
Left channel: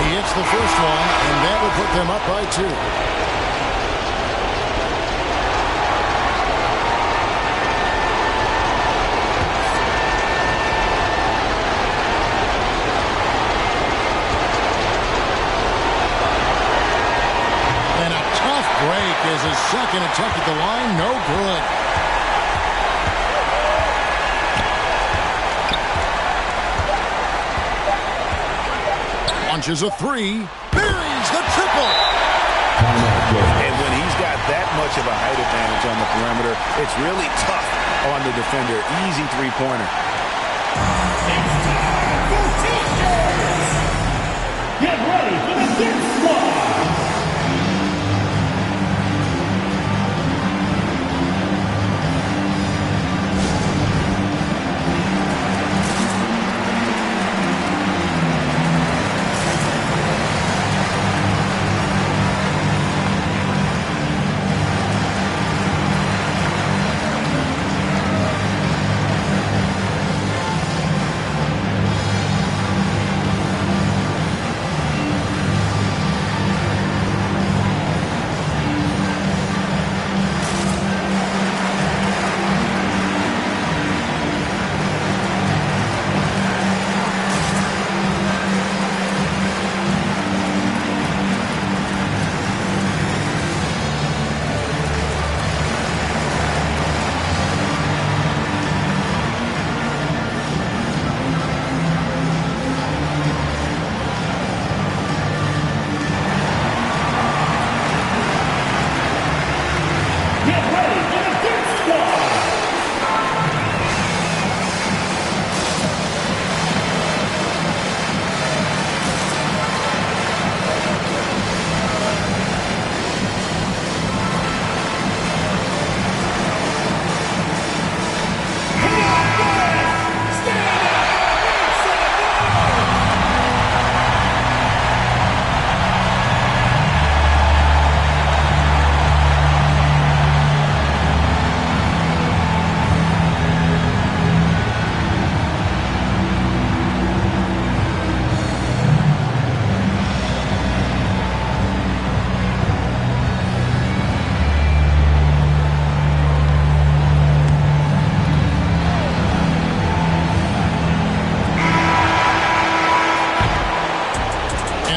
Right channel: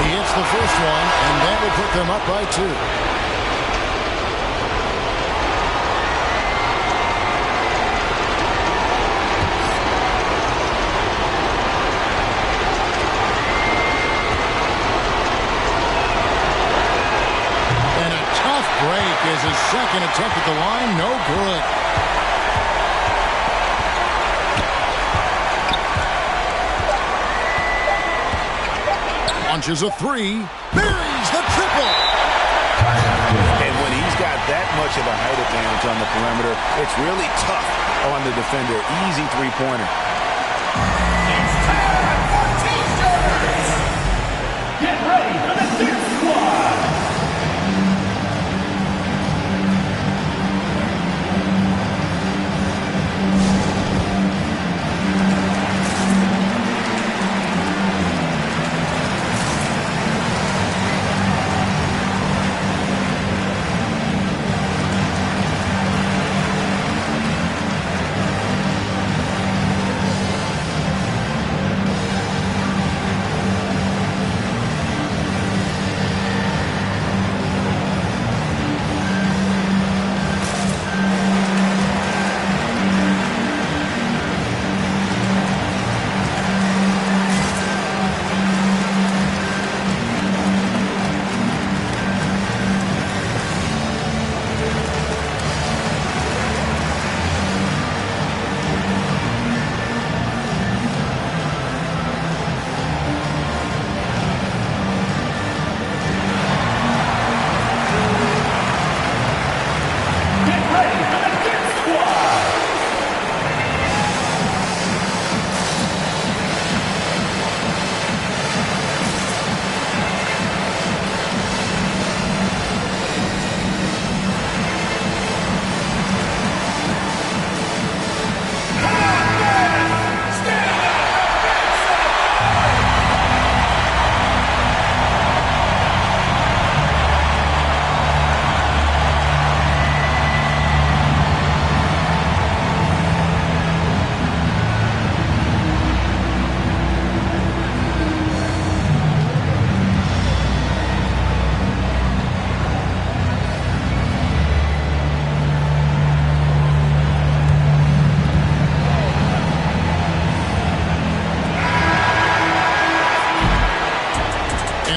He hits the first one, and that will put them up by 2. And a tough break is his second attempt at the line. No good. Launches a 3, buries the triple. And when he's got that much of a height advantage on the perimeter, it's really tough on the defender. Easy three-pointer. It's time for T-shirts. Get ready for the Dirt Squad.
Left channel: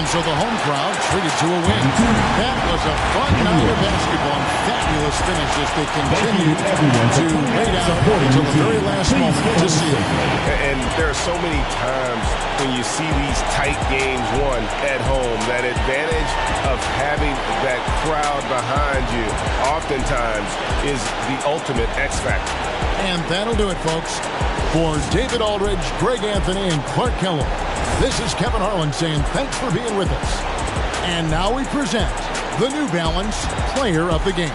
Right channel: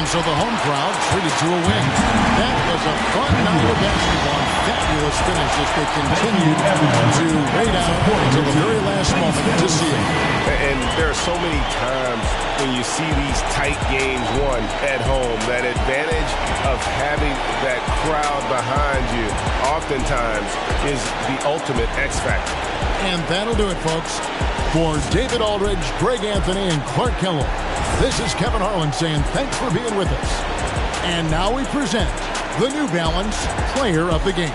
And so the home crowd treated to a win. That was a fun night of basketball and fabulous finish as they continued to wait out until the very last moment to seal. And there are so many times when you see these tight games won at home, that advantage of having that crowd behind you oftentimes is the ultimate X factor. And that'll do it, folks. For David Aldridge, Greg Anthony, and Clark Kellogg, this is Kevin Harlan saying thanks for being with us. And now we present the New Balance Player of the Game.